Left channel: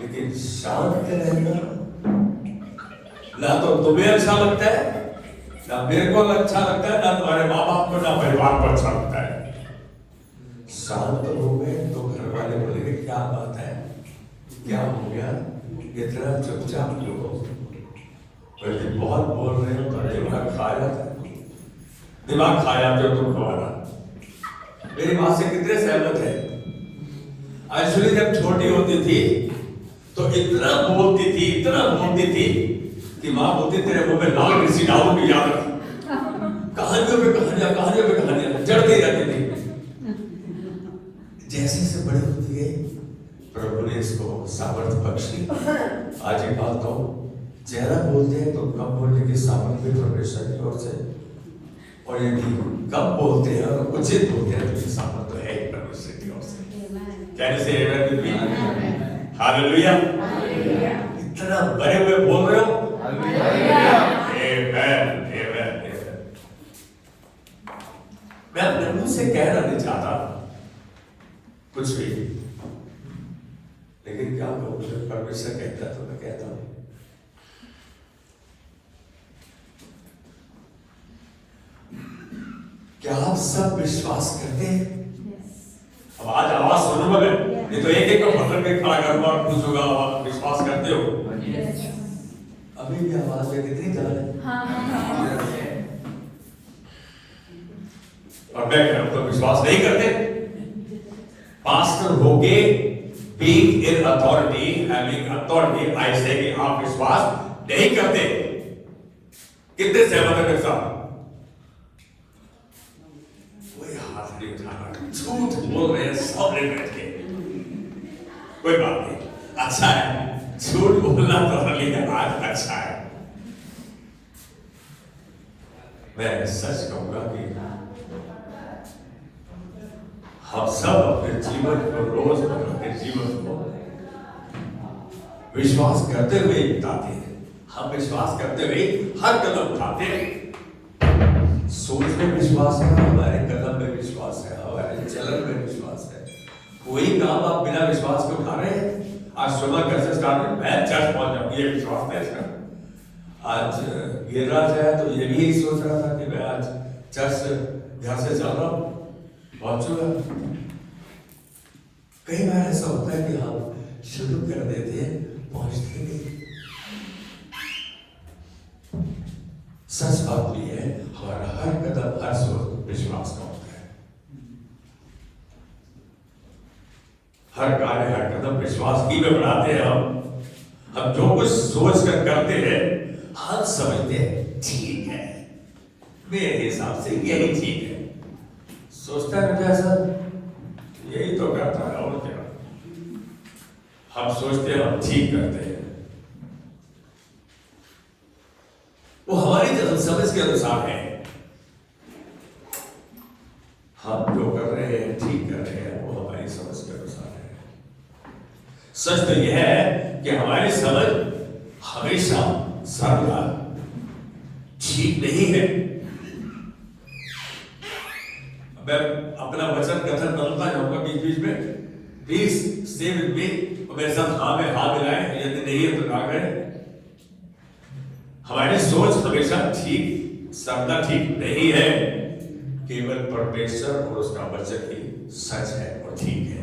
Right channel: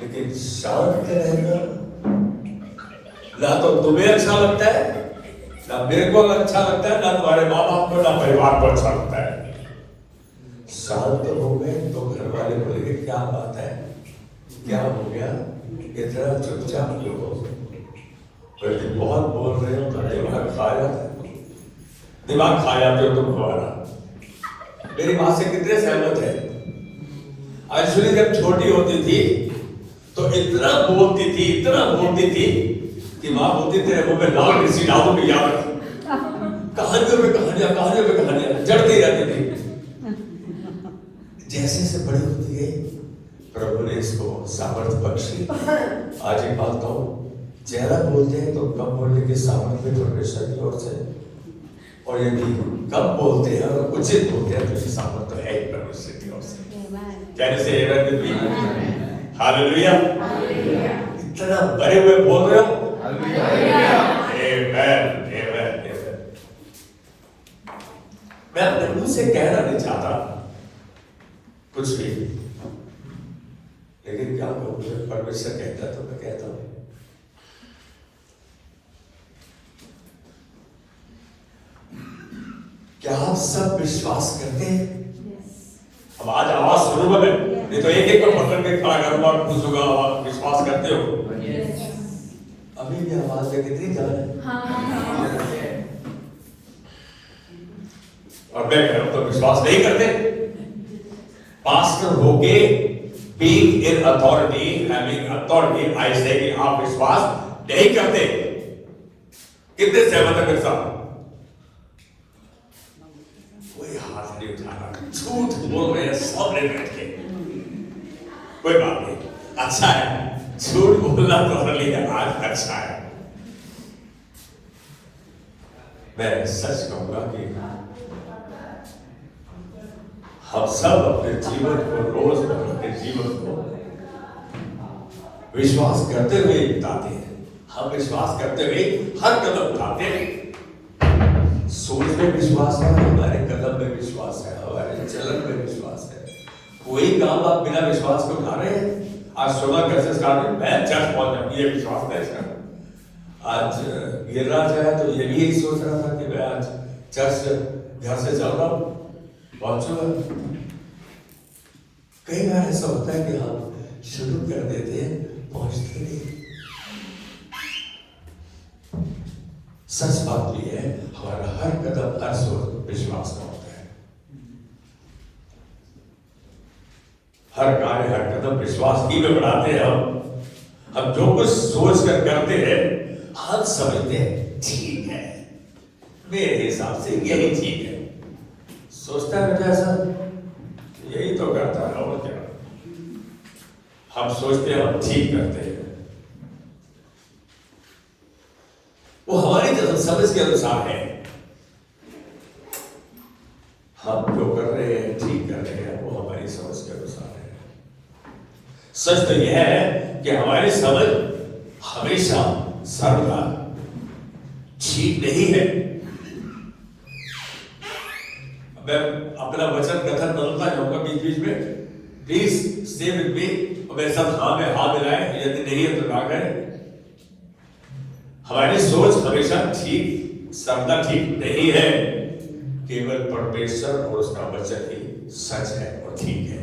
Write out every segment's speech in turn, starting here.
लेकिन शांत रहेगा, ना तो तुम्हें अच्छा लगता है, ना मेरे को अच्छा लगता है, ना तुम्हारे माँ बाप को, ना परिवार को अच्छा लगता है। शांत हो गए तो घर वाले बोलेंगे क्या बात है, क्या हो गया, इतना चुपचाप क्यों हो, क्योंकि बहुत बोल रहे हो तो दिमाग खाया जो तुम हमारा। मेरी माँ से कितने सहमत है। एक्चुअली जब छोटी होती थी तो इतना बोलती थी कि माँ बोलती तेरे मुंह में लाल मिर्ची डालो भी याद रख, कहानियों पे कहानियां जड़ती रहती थी। जैसे से बड़ी होती गई प्रभु ने इसको सामर्थ्य बख्शी। आज ही पाता हूँ ज्यादा बोलते हैं तो कम बोलने की सामर्थ्य परमेश्वर की ओर से, और यदि कम बोलते हैं और उचित बोलते हैं तो सामर्थ्य है परमेश्वर की ओर से। कैसे हालेलुया, इतना बड़े हुए बोल रहे हो। मैं अपने मुंह से कहना नहीं चाहता कुछ भी, लेकिन क्या परमेश्वर कहता तो मैं कहता हूं। क्या आप सब विश्वास करते हैं? अब आज आवाज सुनो बोले, नहीं तो एक को पकड़ के खड़ा कर और पूछूंगा विश्वास करते हो? अभी भी आवाज लेके नहीं जा रहे, और मैं कह रहा हूं तो विश्वास नहीं करते। पास्टर होके being in authority, having authority, I say कि आप विश्वास नहीं करते। कितने सहमत है मेरे साथ? कोई हाथ नहीं उठाना, झूठ बोल रहे हैं सब बैठ के। कोई बात नहीं, अच्छा है, झूठ बोलना तो लेकिन आज अच्छा है। मैं सच कहूंगा कि हम सब अपने जीवन को रोज अपने जीवन को विश्वास करते हुए बिताते हैं। हम विश्वास करते हुए हर कदम उठाते हैं। सोच में विश्वास है, हमारे कदम में विश्वास है, हमारे चलन में विश्वास है। कोई काम आप बिना विश्वास के उठा रहे हैं। आज सुबह कैसे स्टार्ट, मैं चर्च पहुंच जाऊं, ये विश्वास नहीं कर। आज गिरराज है तो ये भी सोच रहा था कि मैं आज चर्च घर से चल रहा हूं, कई बार ऐसा होता है कि हम शुरू कर देते हैं, पहुंचते नहीं। सच बात भी है, हमारा हर कदम हर सोच विश्वास का होता है। हर कार्य हर कदम विश्वास ही में बनाते हैं। हम जो कुछ सोच कर करते हैं हम समझते हैं ठीक है, मेरे हिसाब से यही ठीक है। सोचता है ऐसा, यही तो करता है और क्या। हम सोचते हैं हम ठीक करते हैं, वो हमारी समझ के अनुसार है। हम जो कर रहे हैं ठीक कर रहे हैं, वो हमारी समझ के अनुसार है। सच तो यह है कि हमारी समझ हमेशा सर्वदा ठीक नहीं है। मैं अपना वचन कथन बदलता जाऊंगा बीच बीच में, प्लीज स्टे विद मी और मेरे साथ हाँ में हाँ मिलाएं, यदि नहीं है तो ना करें। हमारी सोच हमेशा ठीक सबका ठीक नहीं है, केवल परमेश्वर और उसका वचन ही सच है और ठीक है।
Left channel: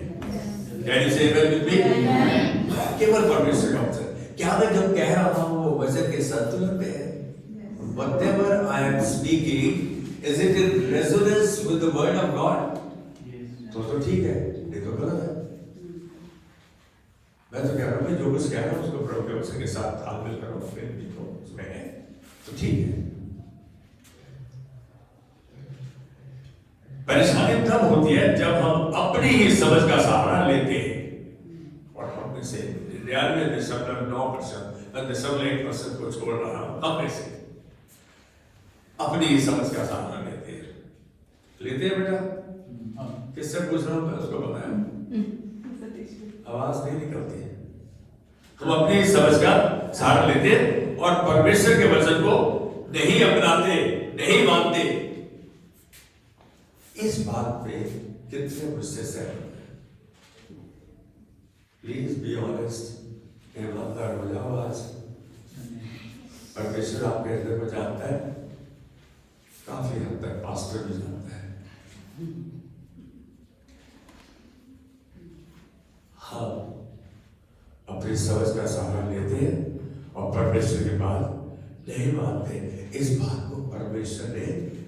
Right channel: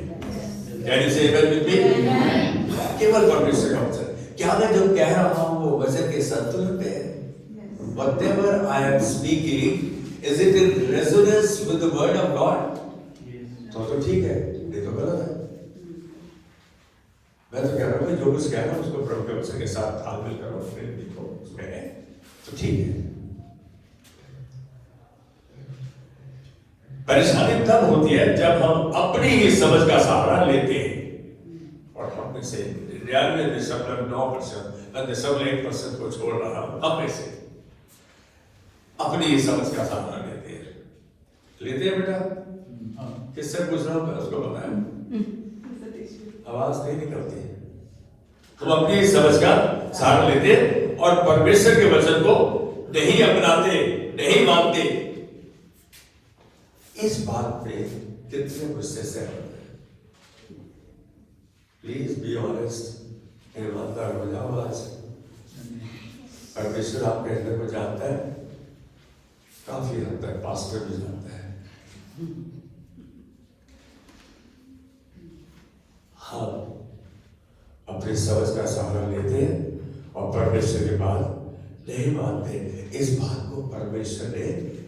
केवल परमेश्वर का वचन। क्या मैं जो कह रहा हूं वो वचन के संतुलन में है? Whatever I am speaking, is it in resonance with the word of God? तो ठीक है, ये तो गलत है। मैं तो कह रहा हूँ जो कुछ कह रहा हूँ उसको प्रभु के वचन के साथ तालमेल करो, फिर देखो उसमें है तो ठीक है। परेशानी तब होती है जब हम अपनी ही समझ का सहारा लेते हैं और हम में से 99.9% को छोड़ रहा हूं, हम में से अपनी ही समझ का सहारा लेते हैं बेटा। किससे पूछ रहा हूं मैं, उसको बताया, आवाज नहीं निकलती है। हम अपनी ही समझ का सहारा लेते और परमेश्वर के वचन को नहीं अपनाते, नहीं मानते। इस बात पे कितने गुस्से से, प्लीज बी ऑनेस्ट। ईमानदार हो जाओ आज। परमेश्वर आपके हृदय को जानता है, काफी हद तक पास्टर भी जानता है। हाँ, अपनी समझ का सहारा लेते हैं और परमेश्वर की बात नहीं मानते। इस बात को परमेश्वर ने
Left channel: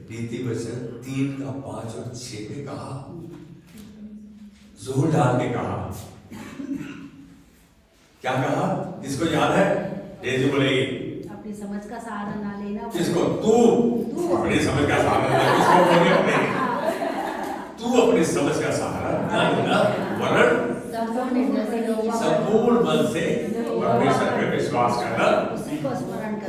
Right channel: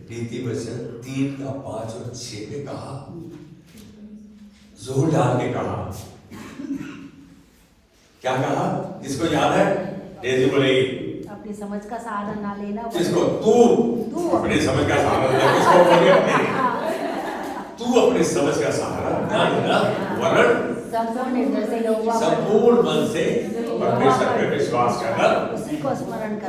नीति वचन 3 का 5 और 6 में कहा, जोर डाल के कहा। क्या कहा? किसको याद है? डेजी बोलेगी। अपनी समझ का सहारा ना लेना। किसको? तू अपनी समझ का सहारा ले। किसको बोले? अपने। तू अपनी समझ का सहारा ना लेना, वरन संपूर्ण मन से परमेश्वर पे विश्वास करना,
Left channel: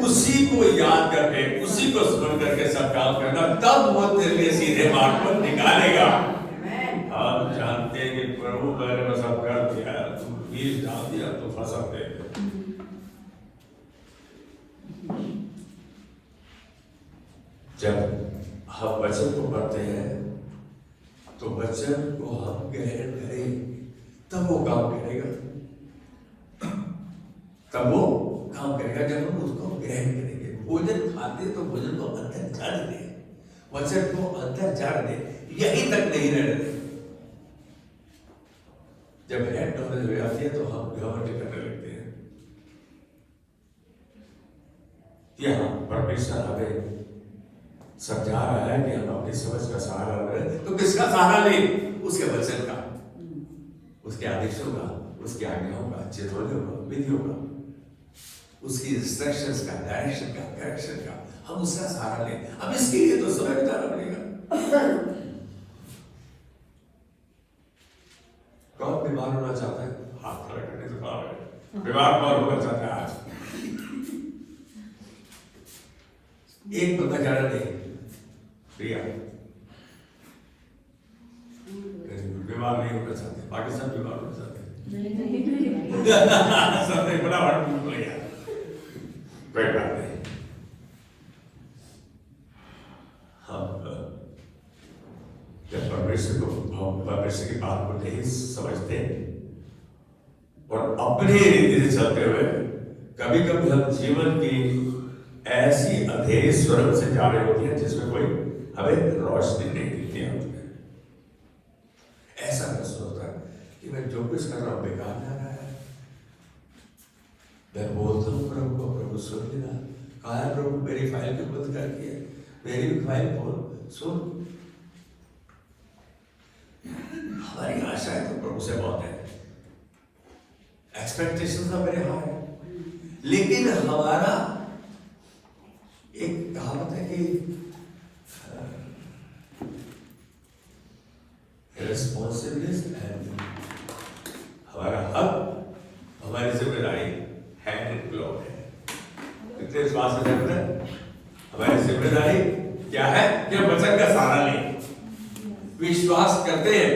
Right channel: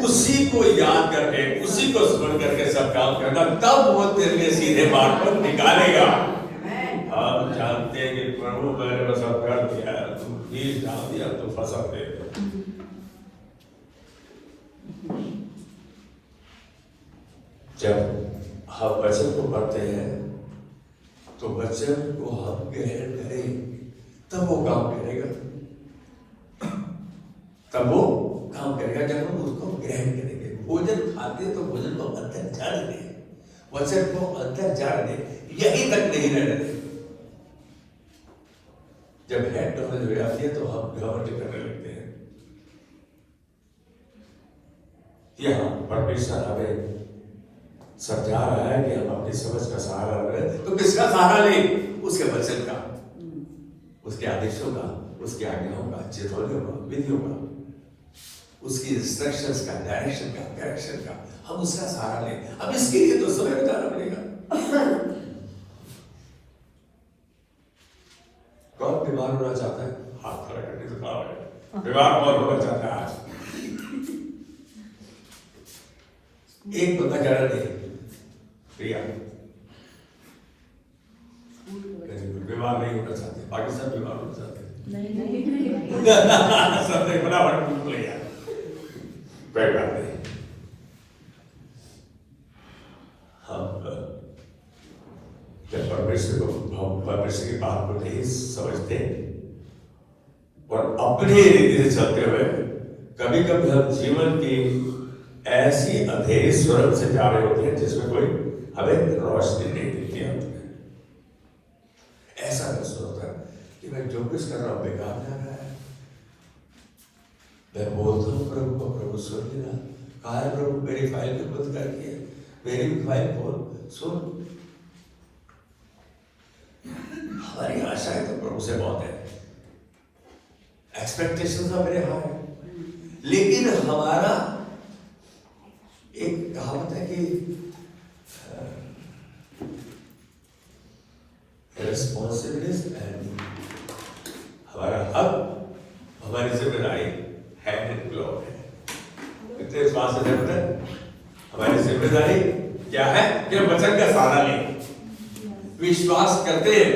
उसी को याद करके, उसी को स्मरण करके सब काम करना, तब वो तेरे लिए सीधे मार्ग पर निकालेगा। आप जानते हैं कि प्रभु मैंने को सब कर दिया, तू बीज डाल दिया तो फसल दे। जब हम वचन को पढ़ते हैं तो वचन को हम ग्रहण करें, तब वो काम करेगा। तब वो काम करेगा जब हम उसको ग्रहण करेंगे। भोजन खाते तो भोजन को अंदर झाड़ दे, वचन को अंदर झाड़ दे, यही तक नहीं रहने दे। जब हेड नॉलेज हो जाती है तो हम घमंड करने लगते हैं। यहाँ परमेश्वर हमें समझा रहा है कि हम अपनी समझ का सहारा लें, तो किसका सहारा ले? उसके वचन का, उसके आदेशों का, उसके आज्ञाओं का, चितौनियों का, विधियों का, उसकी इंस्ट्रक्शंस का, डायरेक्शन का, करेक्शन का, हम उसका सहारा लें। अब इसके लिए तो समय बिताना पड़ेगा। कौन बीमार होना चाहता है? हाथ खड़ा करके तो पाओगे। बीमार कौन होना चाहता है आज? एक बंदा कह रहा नहीं प्रिया बीमार नहीं होना चाहते, पाकिस्तान बीमार होना चाहते सब एक बड़ा भूल गया। कोई बात नहीं, हम जब परमेश्वर की बात को नहीं समझते और अपने रीति से चलते हुए कभी कभी हम जीवन की ऐसी अंधेरी सुरंग से जा रहे होते हैं जिसमें कोई हमें रोशनी नहीं दिखती है। ऐसा महसूस होता है कि मैं जो कुछ कर रहा हूं बेकार जा रहा है। मैं बोलता हूँ प्रभु को, प्रभु सुन लेना। कहा है प्रभु मेरी फाइल को बंद कर दिया, मेरी भी फाइल को सुन। हमारी आशाएं तो प्रभु से बहुत है, एक्सपेक्टेशंस मेरे हाई, लेकिन हमारा एक कहावत है कि रिस्पॉन्सिबिलिटीज एंड हमारा हक, हमारी जिम्मेदारी हैंड इन ग्लोव है। कितने विश्वास से कहते हैं हमारी जिम्मेदारी क्या है कि हम वचन का सहारा लें, विश्वास करते हैं।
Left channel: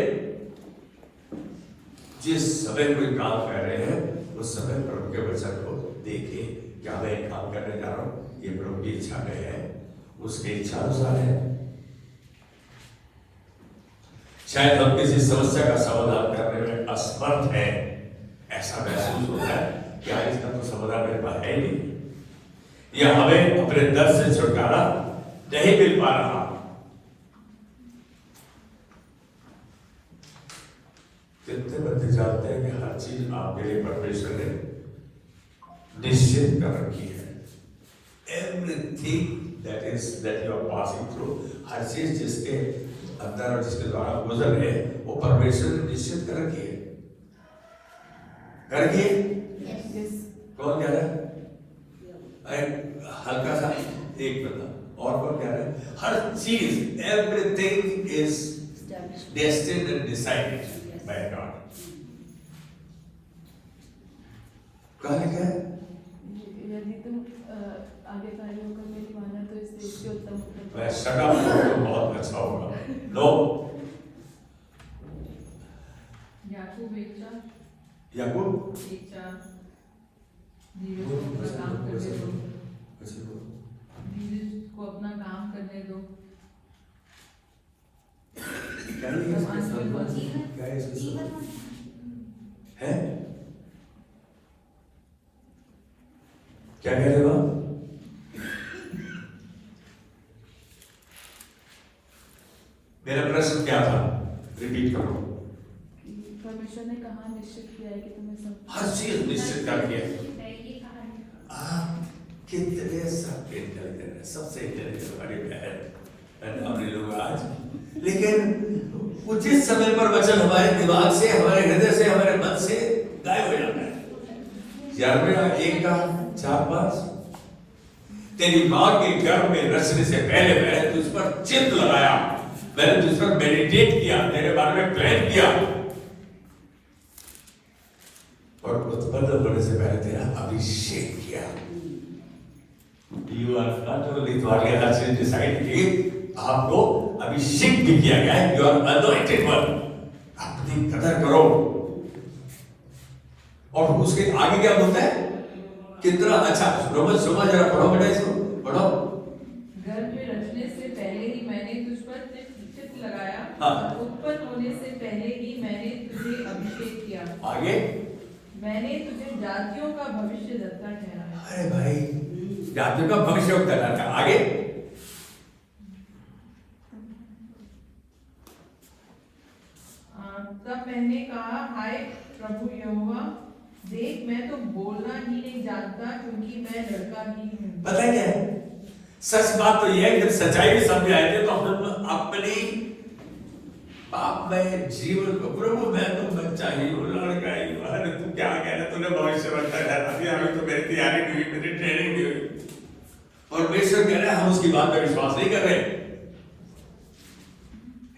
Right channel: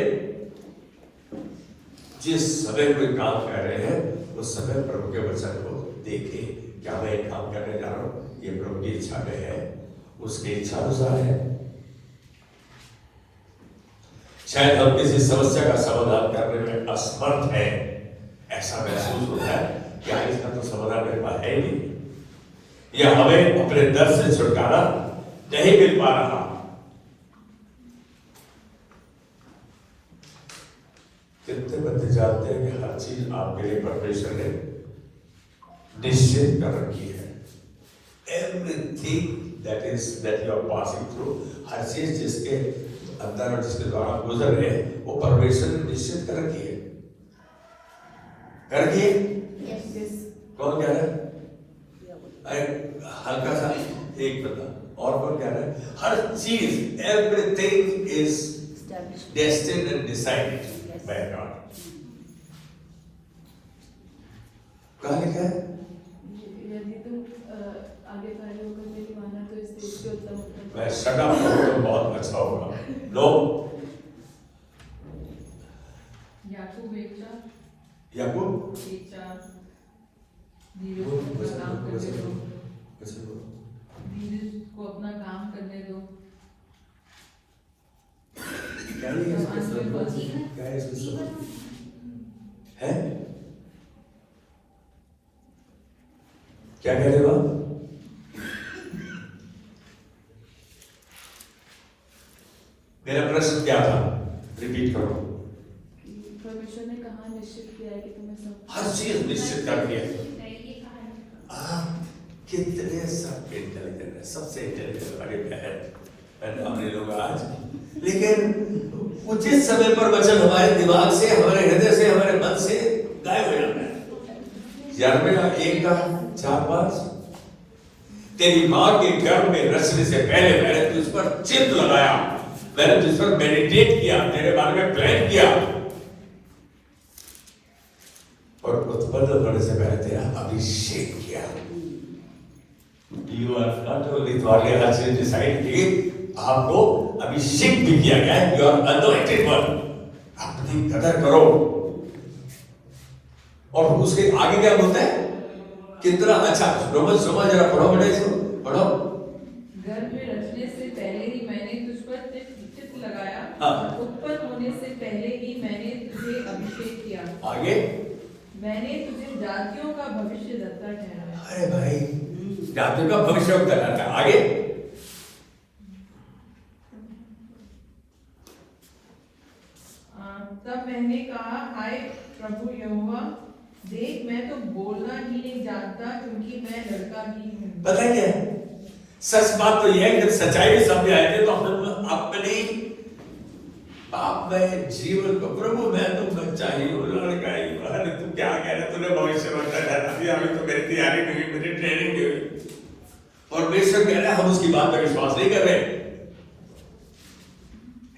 जिस समय कोई काम कर रहे हैं उस समय प्रभु के वचन को देखें, क्या मैं एक काम करने जा रहा हूं, ये प्रभु की इच्छा में है, उसकी इच्छा अनुसार है। शायद हम किसी समस्या का समाधान करने में असमर्थ है, ऐसा महसूस होता है क्या इसका तो समाधान मेरे पास है ही नहीं, या हमें अपने दर्द से छुटकारा नहीं मिल पा रहा। कितने बंदे जानते हैं कि हर चीज आपके लिए परमेश्वर ने निश्चित कर रखी है। Everything that you are passing through, हर चीज जिसके अंदर और जिसके द्वारा गुजर रहे हैं वो परमेश्वर ने निश्चित कर रखी है। कर रखी है? कौन कह रहा है? हल्का सा एक बता, और कौन कह रहा है? हर चीज, everything is destined and decided by God। कहा लिखा है? आगे कार्य होकर मेरी माना तो इस देश के उत्तम मैं शट अप करूं तो बहुत अच्छा होगा। नो, याकूब एक चार धीरज को अपना काम करने दो। है क्या कह रहे हो आप? मेरा प्रश्न क्या था, रिपीट करो। परमेश्वर ने कहा निश्चित किया है कि तुम्हें सब हर चीज निश्चित कर दिया। आप कितने सब इंटेलिजेंट है, सबसे इंटेलिजेंट वाली बहन हमने लोग आज, लेकिन उचित समय पर वचन हमारे दिमाग से, हमारे हृदय से, हमारे मन से गायब हो जाता है। यिर्मयाह 1:4-5 तेरी मां के गर्भ में रचने से पहले मैंने तुझ पर चित्त लगाया, मैंने तुझ पर मेडिटेट किया, तेरे बारे में प्लान किया, और उत्पन्न होने से पहले तेरा अभिषेक किया। You are not only thought you have decided कि आपको अभिषेक भी किया गया है, you are anointed one, अपनी कदर करो। और उसके आगे क्या बोलता है, कितना अच्छा, रोमन सुमा जरा पढ़ो, पढ़ो। गर्भ में रचने से पहले ही मैंने तुझ पर चित्त लगाया, हाँ। उत्पन्न होने से पहले ही मैंने तुझे अभिषेक किया, आगे मैंने तुझे जातियों का भविष्यद्वक्ता ठहराया। अरे भाई, जातियों का भविष्य बताना था। आगे तब मैंने कहा, हाय प्रभु यहोवा, देख मैं तो बोलना ही नहीं जानता, क्योंकि मैं लड़का ही हूँ। पता है क्या है? सच बात तो यह है, जब सच्चाई सामने आए थे तो हम अपने पाप में जीवन को, प्रभु मैं तो बच्चा ही हूँ, लड़का ही हूँ, अरे तू क्या कह रहे, तूने भविष्यवाणी ठहरा दिया, अभी तो मेरी तैयारी नहीं हुई, मेरी ट्रेनिंग नहीं हुई, और बेशक कह रहे हैं हम उसकी बात में विश्वास नहीं कर रहे।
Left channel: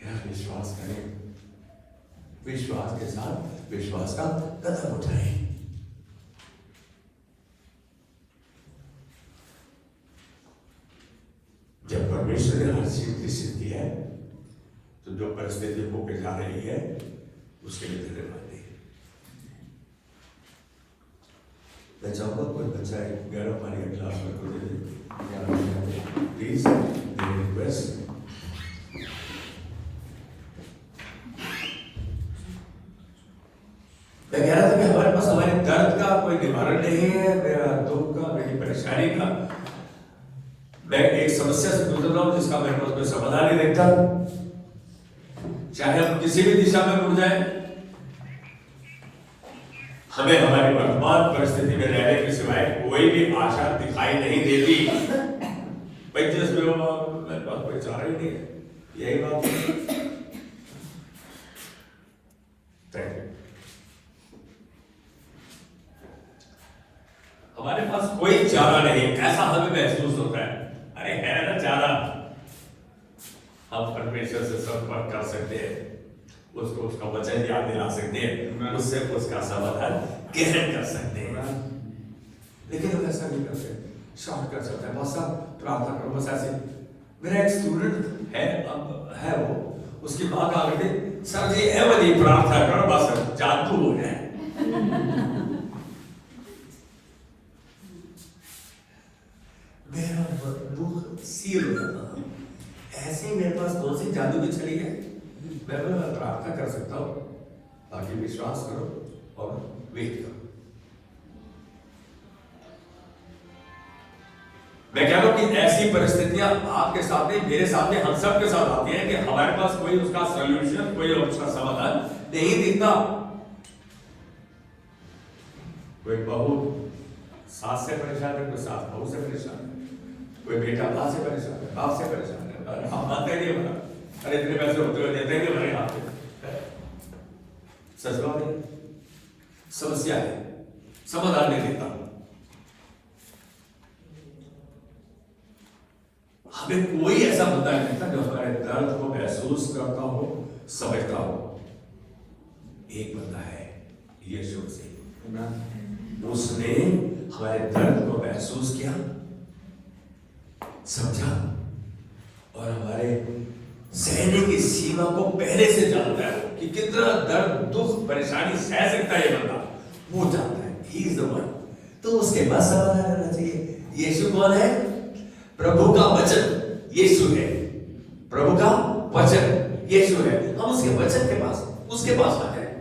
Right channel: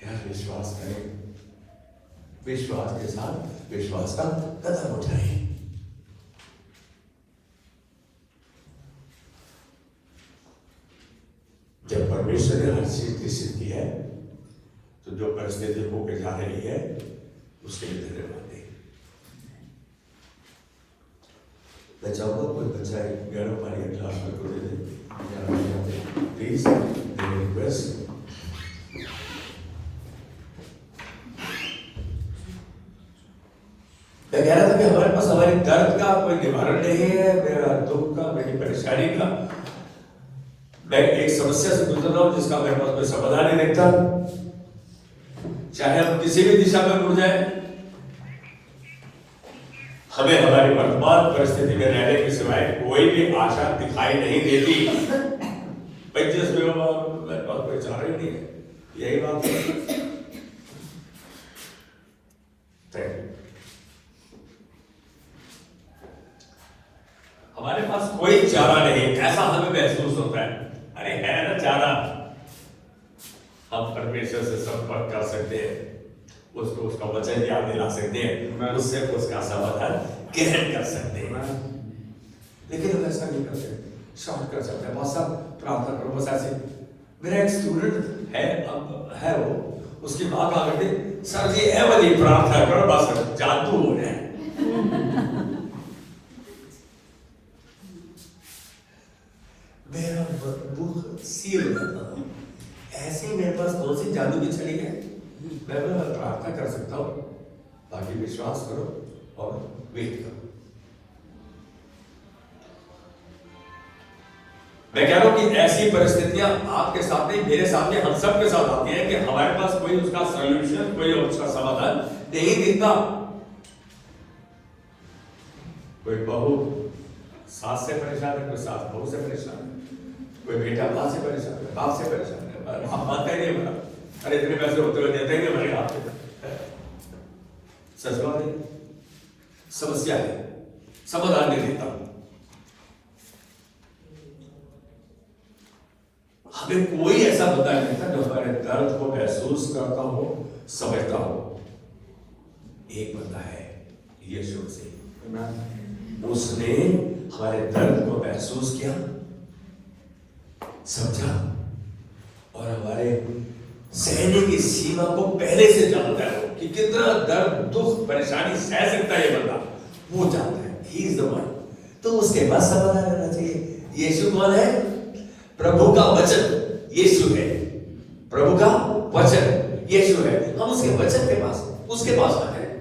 यार विश्वास करें, विश्वास के साथ विश्वास का कदम उठाएं। जब परमेश्वर ने हर चीज निश्चित की है, तो जो परिस्थिति होकर जा रही है उसके लिए धन्यवाद दें। मैं चाहूंगा कोई बच्चा एक प्यारा पानी का गिलास में को दे दे, प्लीज, रिक्वेस्ट। मैं कह रहा था कि हमारे पास हमारे दर्द का कोई निवारण नहीं है, मेरा दुख का, मेरी परेशानी का, मैं एक समस्या से गुजर रहा हूं जिसका मेरे पास कोई समाधान नहीं दिखता। चाहे हम किसी भी दिशा में मुड़ जाए, हमें हमारी वर्तमान परिस्थिति में रहने के सिवाय कोई भी आशा दिखाई नहीं देती। भाई जिसमें मेरे पास कोई चारा ही नहीं है, यही बात है। हमारे पास कोई चारा नहीं है, ऐसा हमें महसूस होता है। अरे है ना चारा, हम परमेश्वर से संपर्क कर सकते हैं, उसको उसका वचन याद दिला सकते हैं, उससे उसका समाधान ग्रहण कर सकते हैं। लेकिन हम ऐसा नहीं करते, शॉर्ट कर सकते हैं, मौसा प्रार्थना करो, बस ऐसे। मेरा एक स्टूडेंट है वो, उसकी बात आ गई, सर जी है वाली प्रार्थना करो, बस जादू है। मेरा बुक सील करता, ऐसे मेरे पास कौन सी जादू की छड़ी है, मैं प्रार्थना कर सकता हूँ, बाकी विश्वास करो और वेट करो। मैं कह रहा हूं कि ऐसी परिस्थितियां आपके साथ नहीं, मेरे साथ नहीं, हम सब के साथ आती हैं कि हमारे पास कोई उसका सॉल्यूशन, कोई उसका समाधान नहीं दिखता। कोई बहू सास से परेशान है, कोई सास बहू से परेशान है, कोई बेटा मां से परेशान है, बाप से परेशान है, हम मानते ही नहीं, बता अरे इतने पैसे होते हुए देते ही नहीं हमारे हाथ में। सच बात है, समस्या है, समाधान नहीं देता। हमें कोई ऐसा बंदा नहीं था जो हमारे दर्द को महसूस करता हो, समझता हो। एक बंदा है, यीशु मसीह, उसने हमारे दर्द को महसूस किया, समझा, और हमारे सहने की सीमा को पहले से जानता है कि कितना दर्द, दुख, परेशानी सह सकता है ये बंदा, वो जानता है। He is the one. तो उसके बाद समाधान करना चाहिए। यीशु कौन है? प्रभु का वचन यीशु है, प्रभु का वचन यीशु है। हम उसके वचन के पास, उसके पास आते हैं।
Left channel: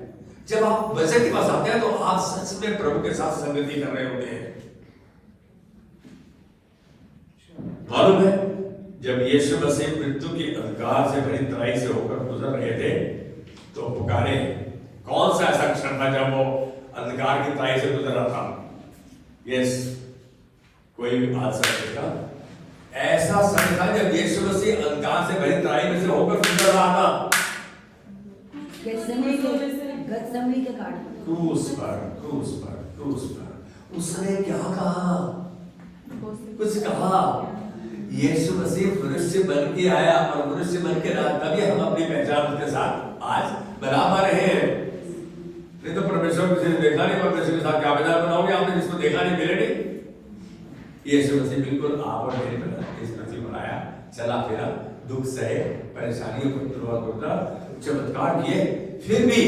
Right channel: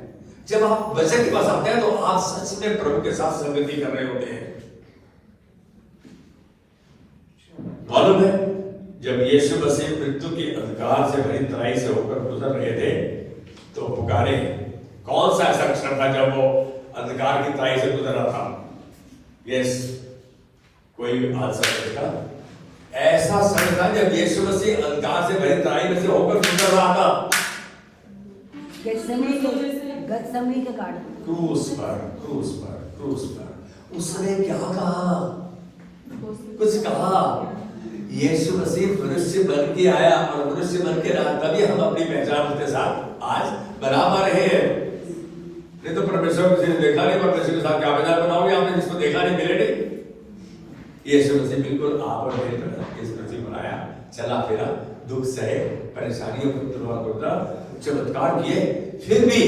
जब आप वचन के पास आते हैं तो आप सच में प्रभु के साथ संगति कर रहे होते हैं। मालूम है जब यीशु मसीह मृत्यु के अंधकार से भरी तराई से होकर गुजर रहे थे तो पुकारे, कौन सा ऐसा क्षण था जब वो अंधकार की तराई से गुजर रहा था? यस, कोई भी आंसर देगा। ऐसा समय था जब यीशु मसीह अंधकार से भरी तराई में से होकर गुजर रहा था। क्रूस पर उसने क्या कहा? कुछ कहा। यीशु मसीह मनुष्य बन के आया और मनुष्य बन के रहा, तभी हम अपनी पहचान उसके साथ आज बना पा रहे हैं। नहीं तो परमेश्वर को जिसने देखा नहीं, परमेश्वर के साथ क्या पहचान बनाओगे आपने? जिसको देखा नहीं, मिले नहीं। यीशु मसीह बिल्कुल आप और मेरे तरह यीशु मसीह बनाया, चला फिरा, दुख सहे, परेशानियों को तोड़ा, चमत्कार किए, फिर भी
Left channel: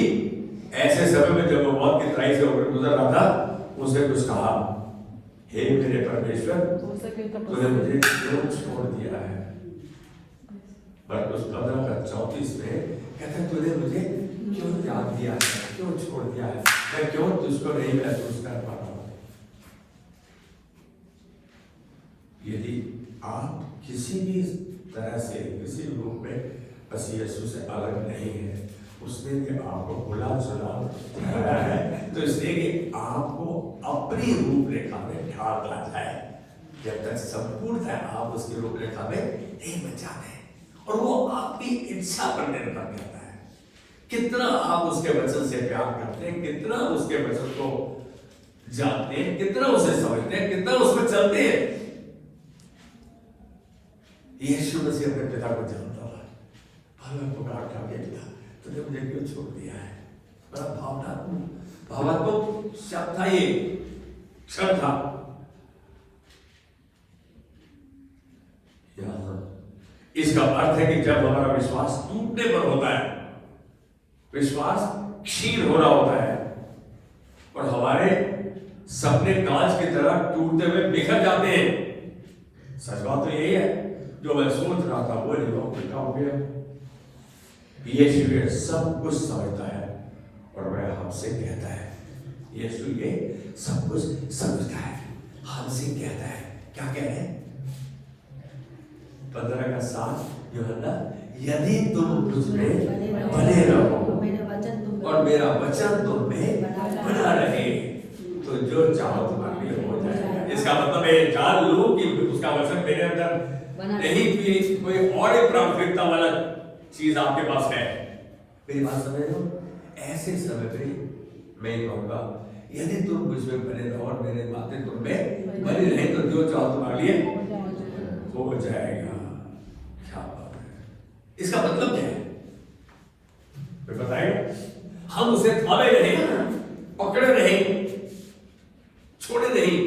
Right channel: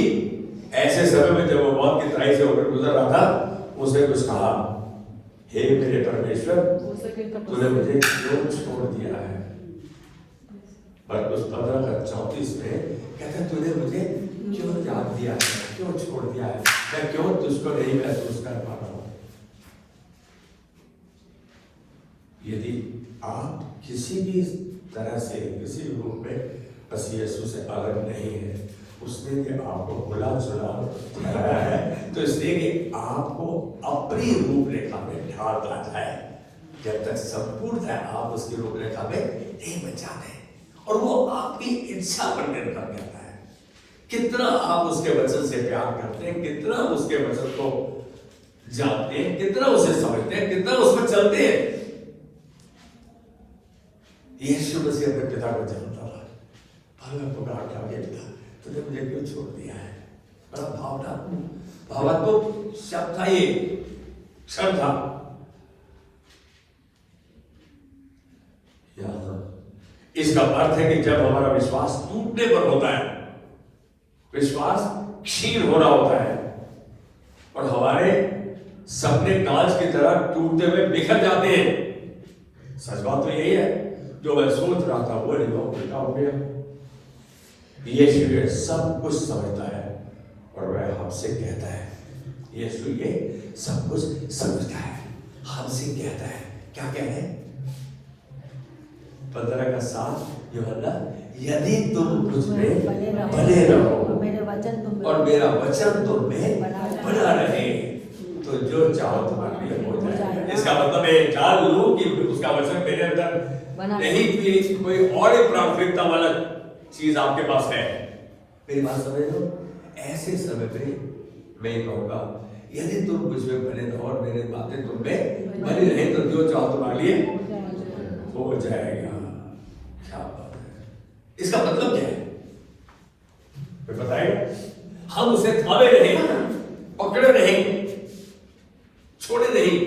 ऐसे समय में जब वो मौत की तराई से होकर गुजर रहा था, उसने कुछ कहा, हे मेरे परमेश्वर, तूने मुझे क्यों छोड़ दिया है? पर उस 15:34 में कहते, तूने मुझे क्यों त्याग दिया है, क्यों छोड़ दिया है, मैं क्यों तुझको नहीं महसूस कर पा रहा हूं? यदि आप किसी भी तरह से, किसी रूप में बस यीशु से अलग नहीं है, उसने भी आपको भुला चुरा ठहराया है, तो इसलिए आपको अपनी रूपरेखा में ढाल दिया जाए। जब तक संपूर्णतः आप उसकी रूपरेखा में नहीं बच जाते, और वो आपकी इच्छा पर निर्भर करता है, कितना आप उसके वचन से प्यार करते हैं, कितना उसके वचन को जानते हैं, कितना उसे समझते हैं, कितना उसमें चलते हैं। यीशु मसीह अपने पिता को जानता था, भला पुकार क्या बेटा, तूने मुझे क्यों छोड़ दिया है? बड़ा भावनात्मक शब्द था, ये शब्द था। इसका अर्थ है कि जब हमारा विश्वास टूटने पर होता है, विश्वास क्षीण हो रहा होता है और हमारे सपने कांच की तरह टूटते हुए बिखर जाते हैं। सच बात तो यही है, जो मैं सोच रहा था वो नहीं हो गया। यीशु सब कुछ समझता है और वह हमसे कहता है, यीशु ये सब कुछ समझता है, हमसे कहता है, क्या कह रहे हैं? 15:7 यूहन्ना, यदि तुम मुझ में बने रहो और मेरा वचन तुम में बना रहे, तो जो चाहो तुम्हारे लिए हो जाएगा। इसका मतलब है, जान लो कि उसका वचन मेरे अंदर नहीं, कोई और एक प्राथमिकता वाला चीज आपके पास है। मेरी बात समझ लो। ऐसे समय पे मैं कहूंगा, यदि तुम मुझ में बने रहो और मेरे बातें तुम में बनी रहे, तो जो चाहो तुम्हारे लिए हो जाएगा। क्या बात है? इसका मतलब क्या है बताइए? हम उसे थामे रहे, पकड़े रहे, छोड़े नहीं।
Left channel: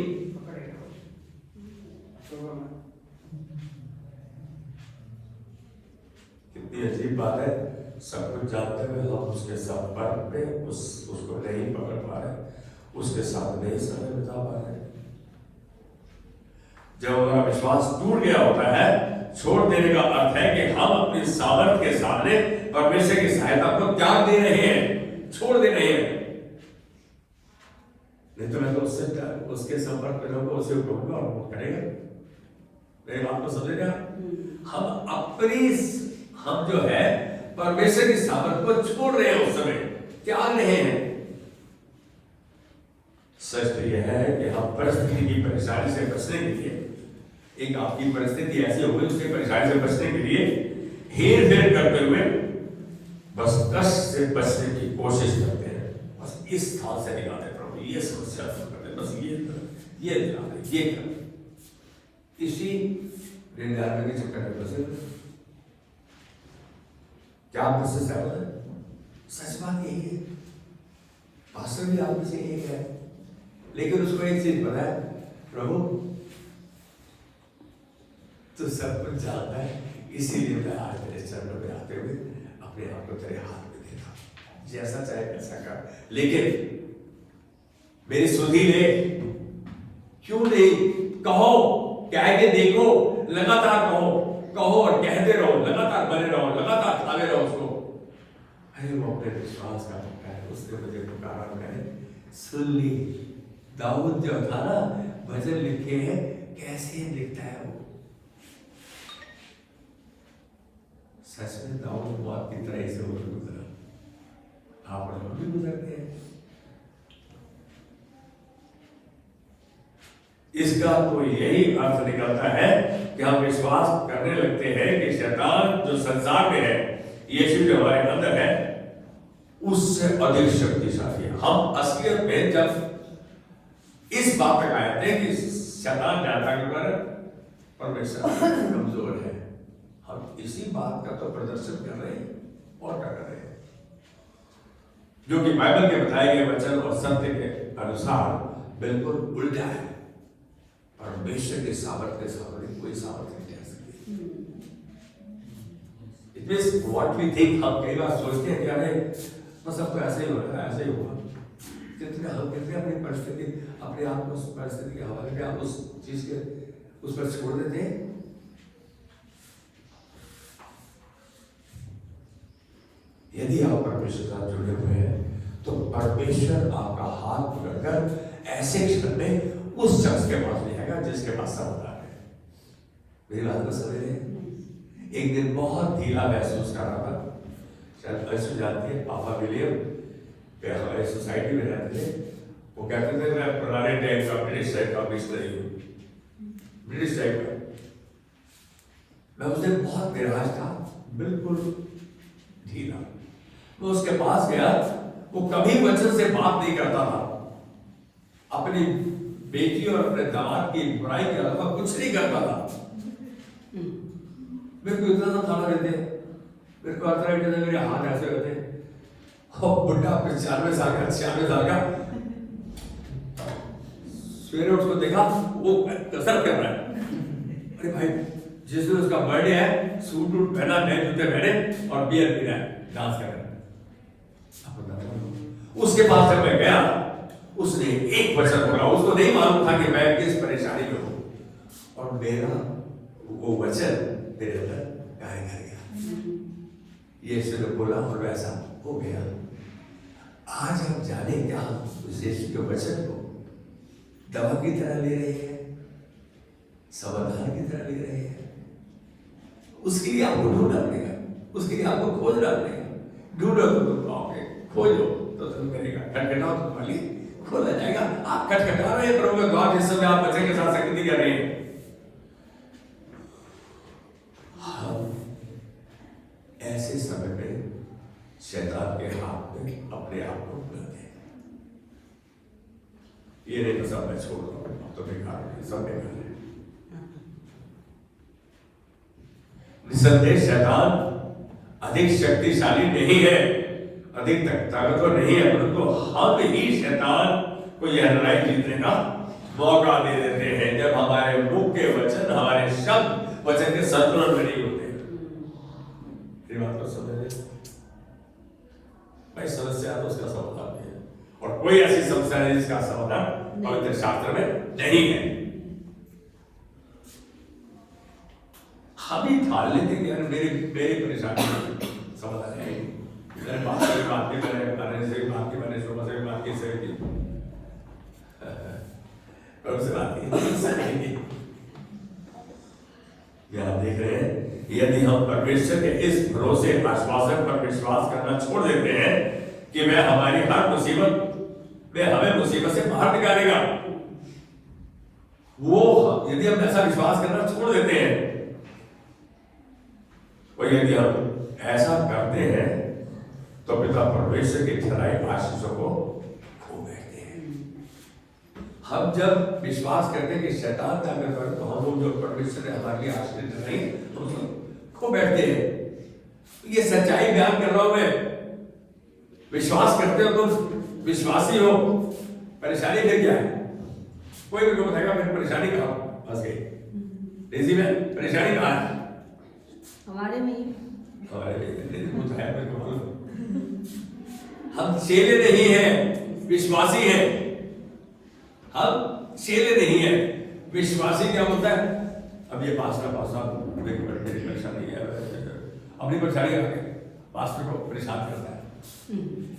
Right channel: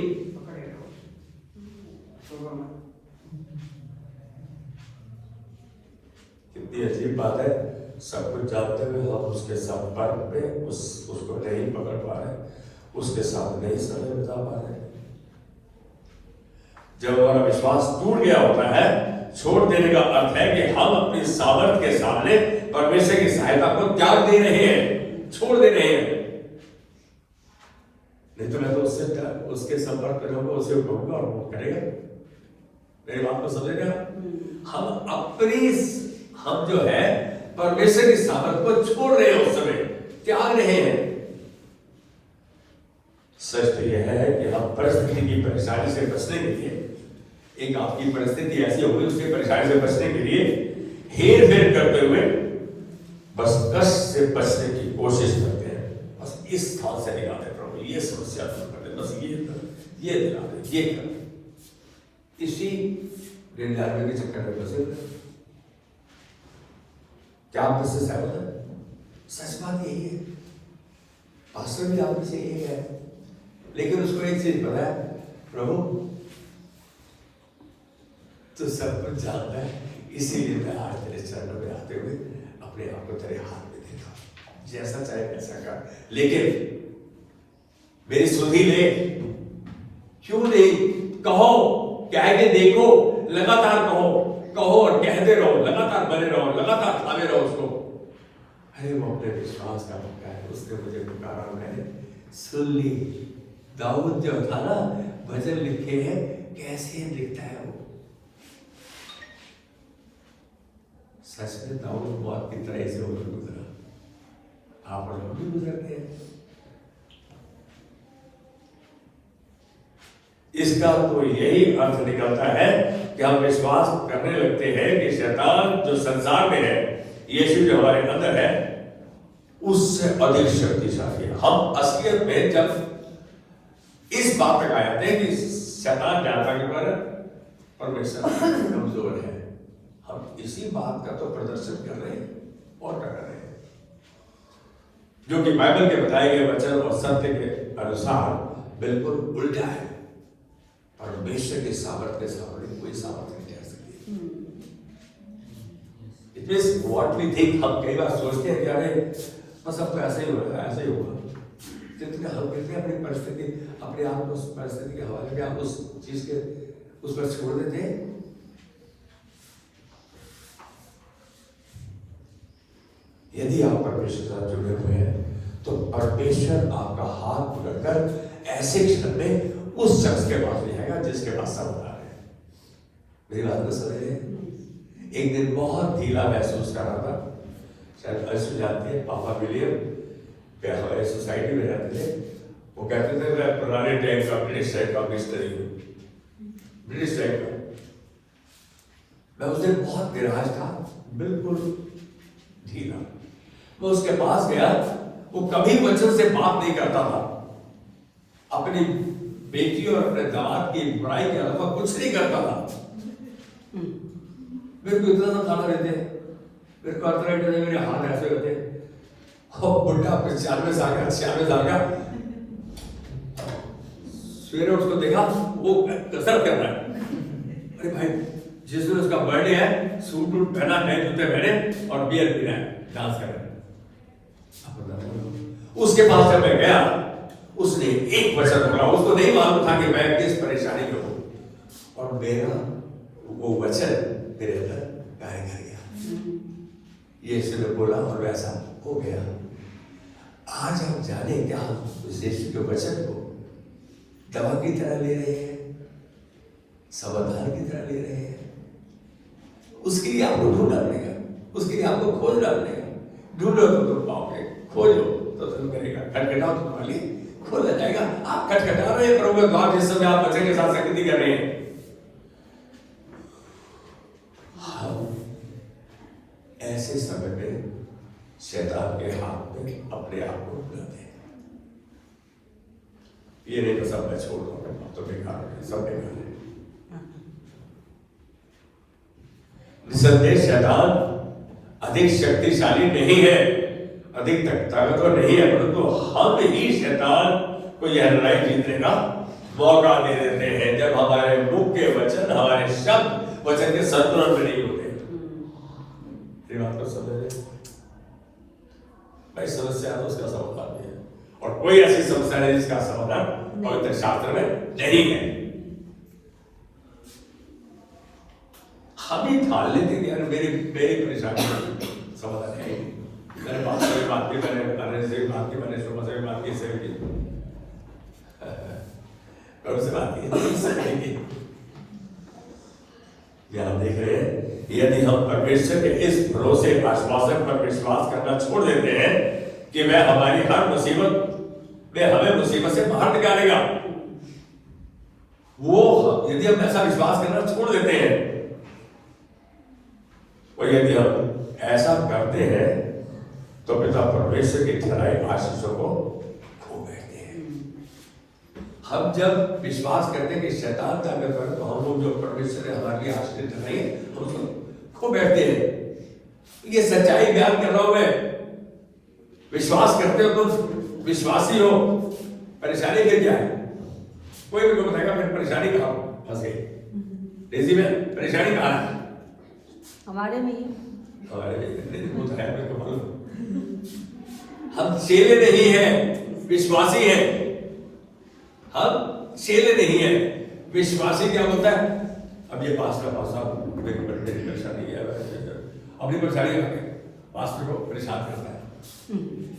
कितनी अजीब बात है, सब कुछ जानते हुए हम उसके संपर्क में उसको नहीं पकड़ पा रहे, उसके साथ नहीं समय बिता पा रहे। जब हमारा विश्वास टूट गया होता है, छोड़ देने का अर्थ है कि हम अपनी सामर्थ्य के सामने परमेश्वर की सहायता को त्याग दे रहे हैं, छोड़ दे रहे हैं। नहीं तो मैं तो उसके संपर्क में रहूंगा, उसे कहूंगा और वो करेगा। मेरी बात को समझ रहे हैं? हम जो है परमेश्वर की सामर्थ को छोड़ रहे हैं, उस समय त्याग रहे हैं। सच तो यह है कि हम परिस्थिति की परेशानी से बचने के लिए, एक आपकी परिस्थिति ऐसी हो गई, उसकी परेशानी से बचने के लिए हेर फेर करते हुए बस कष्ट से बचने की कोशिश करते हैं। बस इस स्थान से निकालते, प्रभु ये समस्या करते, बस ये निकालते, ये करते, इसी ऋण के चक्कर में बसे। क्या आप मुझसे सहमत हैं? सच बात यही है, पास्टर भी आप से यही है, लेकिन उसको एक चीज पता है, प्रभु तो सब कुछ जानता है, इसीलिए मैं आज तेरे चरणों में आते हुए अपने आप को तेरे हाथ में देता, जैसा चाहे ऐसा कर, लेकिन मेरी सुधी ले, क्यों नहीं? कहो, कह के देखो, लगातार कहो और कहते रहो, लगातार बने रहो, लगातार थामे रहो उसको। अरे वो अपने विश्वास का मौका है, उसने मुझे पुकारा, मैंने सुन ली। दाऊद जो था ना, भजन लिखे हैं, कैसे लिखता है वो, सच में दाऊद मौत की तरह से होकर गुजरा, आप और हम भी गुजरते हैं। इसका तो यही अर्थ निकलता है कि हम विश्वास करने लगते हैं कि शैतान जो संसार में है, यीशु जो हमारे अंदर है, उससे अधिक शक्तिशाली है। हम असलियत में जब इस बात तक आए थे कि शैतान जानता कि परमेश्वर कमजोर है, हम इसी बात का तो प्रदर्शन कर रहे हैं और क्या कर रहे हैं, जो कि बाइबल के बताए गए वचन और सत्य के अनुसार बिल्कुल उल्टा है। परमेश्वर के सामर्थ्य के सामने कोई सामर्थ्य नहीं आ सकती। It means what we think, हम कई बार सोचते हैं कि अरे बस अब तो ऐसा ही होगा, ऐसा ही होगा, जितने हम कहते हैं अपनी परिस्थिति, अपने आप को उस परिस्थिति के हवाले में आप उस चीज के उस पर छोड़ देते हैं। यदि आप परमेश्वर के साथ जुड़े हुए हैं तो परमेश्वर आपका हाथ पकड़कर ऐसे क्षण में उस शख्स के पास ले आएगा जिसके पास समाधान है। मेरी बात को समझ रहे हैं? एक दिन बहुत ढीला महसूस कर रहा था, शायद ऐसे जानते हैं, पापा विलियम हमारे सोसाइटी में रहते थे। वो कहते थे मैं पुराने टाइम का ब्रिटिश टाइप का मिस्त्री हूँ, ब्रिटिश टाइप का। मैं उस दिन बहुत निराश था, बिल्कुल ढीला। मैं उसके पास गया, वो कभी वचन से बात नहीं करता था, अपनी बेटी और अपने दामाद की बुराई के अलावा कुछ नहीं करता था। मेरे को इतना सा खाना देते, मेरे को अर्थराइटिस है, मेरे हाथ ऐसे होते, और बुढ़ा 95 साल का 96 साल का, सवेरे उसको देखा वो कसरत कर रहा है। अरे भाई, जिस दिन उसका बर्थडे है, सूट वूट पहना, नए जूते पहने और बियर पी रहा है, डांस कर रहा है। उसके पास जब मैं गया, उसने एक वचन बोला, उसको नहीं मालूम था कि मैं किस परेशानी में हूं, और मेरा वो वचन मेरे अंदर कार्य कर गया। ये सिर्फ बोला और वैसा हो गया। आज हम जाने क्या उस यीशु के वचन को दवा की तरह ले रहे हैं, समाधान की तरह ले रहे हैं। उसके लिए आपको ढूंढना पड़ेगा, उसके लिए आपको खोजना पड़ेगा। ढूंढो तो तुम पाओगे, खोजो तो तुम करेगा, खटखटाओ तो तुम्हारे लिए खोला जाएगा। आप खटखटा रहे हैं प्रभु द्वार, जिस समय आप बच्चे के साथ संगति कर रहे हैं। ऐसे समय में शैतान के हाथ में अपने आप को बुलाते हैं। ये नहीं तो सब मैं छोड़ दूंगा, तो बेकार है, सब बेकार है। निसंदेह शैतान अधिक शक्तिशाली नहीं है, अधिक ताकतवर नहीं है, परंतु हम ही शैतान को यह लड़ाई जीतने का मौका दे देते हैं जब हमारे मुंह के वचन, हमारे शब्द वचन के संतुलन में नहीं होते। ये बात को समझ रहे? भाई समस्या है तो उसका समाधान नहीं है, और कोई ऐसी समस्या नहीं जिसका समाधान पवित्र शास्त्र में नहीं है। हम ही ठान लेते हैं कि मेरी परेशानी समाधान है, मैंने बात की, मैंने गाने से बात की, मैंने सुबह से बात की, से की, कब से बात की, ये आप देख रहे हैं। यदि हम परमेश्वर के इस भरोसे आश्वासन पर विश्वास करना छोड़ देते हैं कि वह हमारी हर मुसीबत में हमें मुसीबत से बाहर निकालेगा, वो यदि हम ऐसा विश्वास करना छोड़ देते हैं, और यदि हम ऐसा करते हैं तो पिता परमेश्वर की ठहराई आशीषों को खो बैठते हैं। हम जब विश्वास करते हैं कि शैतान ताकतवर है, तो हम जो परमेश्वर ने हमारे लिए आशीष ठहराई हम उसको खो बैठते हैं। ये सच्चाई बयान कर रहा हूं मैं। विश्वास करते हो तो विश्वासी हो, परेशानी फिर क्या है? कोई भी लोग बताएगा फिर परेशानी कहां फंस गई, डेजी में परेशानी कहां है? हमारे में हम चेले नहीं हैं, विश्वासी हैं। हम चेले नहीं हैं, विश्वासी क्या होता है? अब ये पास्टर मेरी बड़ी परेशानी है, अपनी परेशानी पास्टर को परेशान करता है।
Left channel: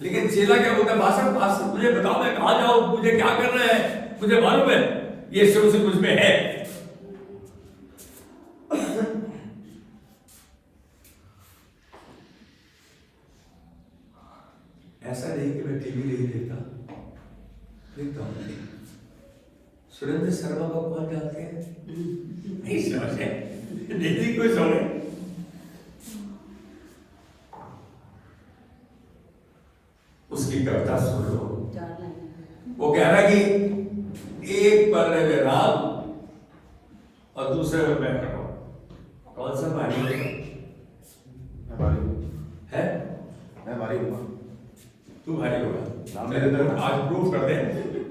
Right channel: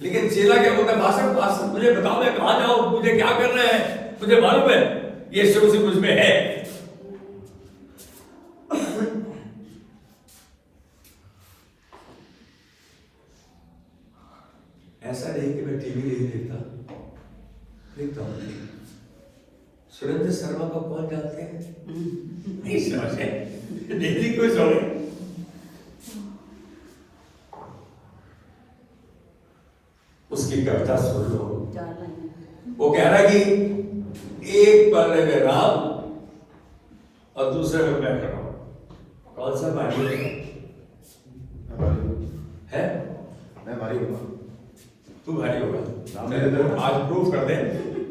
लेकिन चेला क्या होता है? पास्टर मुझे बताओ, मैं कहां जाऊं, मुझे क्या करना है, मुझे मालूम है ये शुरू से मुझ में है। देखता हूँ नहीं। सुरेंद्र शर्मा को कौन जानते हैं? नहीं समझे, नहीं कोई समझे। उसकी कविता सुन लो। वो कह रहा कि एक पल्ले में राम और दूसरे में मैं करूँ, कौन सा भारी है? मैं भारी होगा। तू भारी होगा। आज प्रूफ कर दे।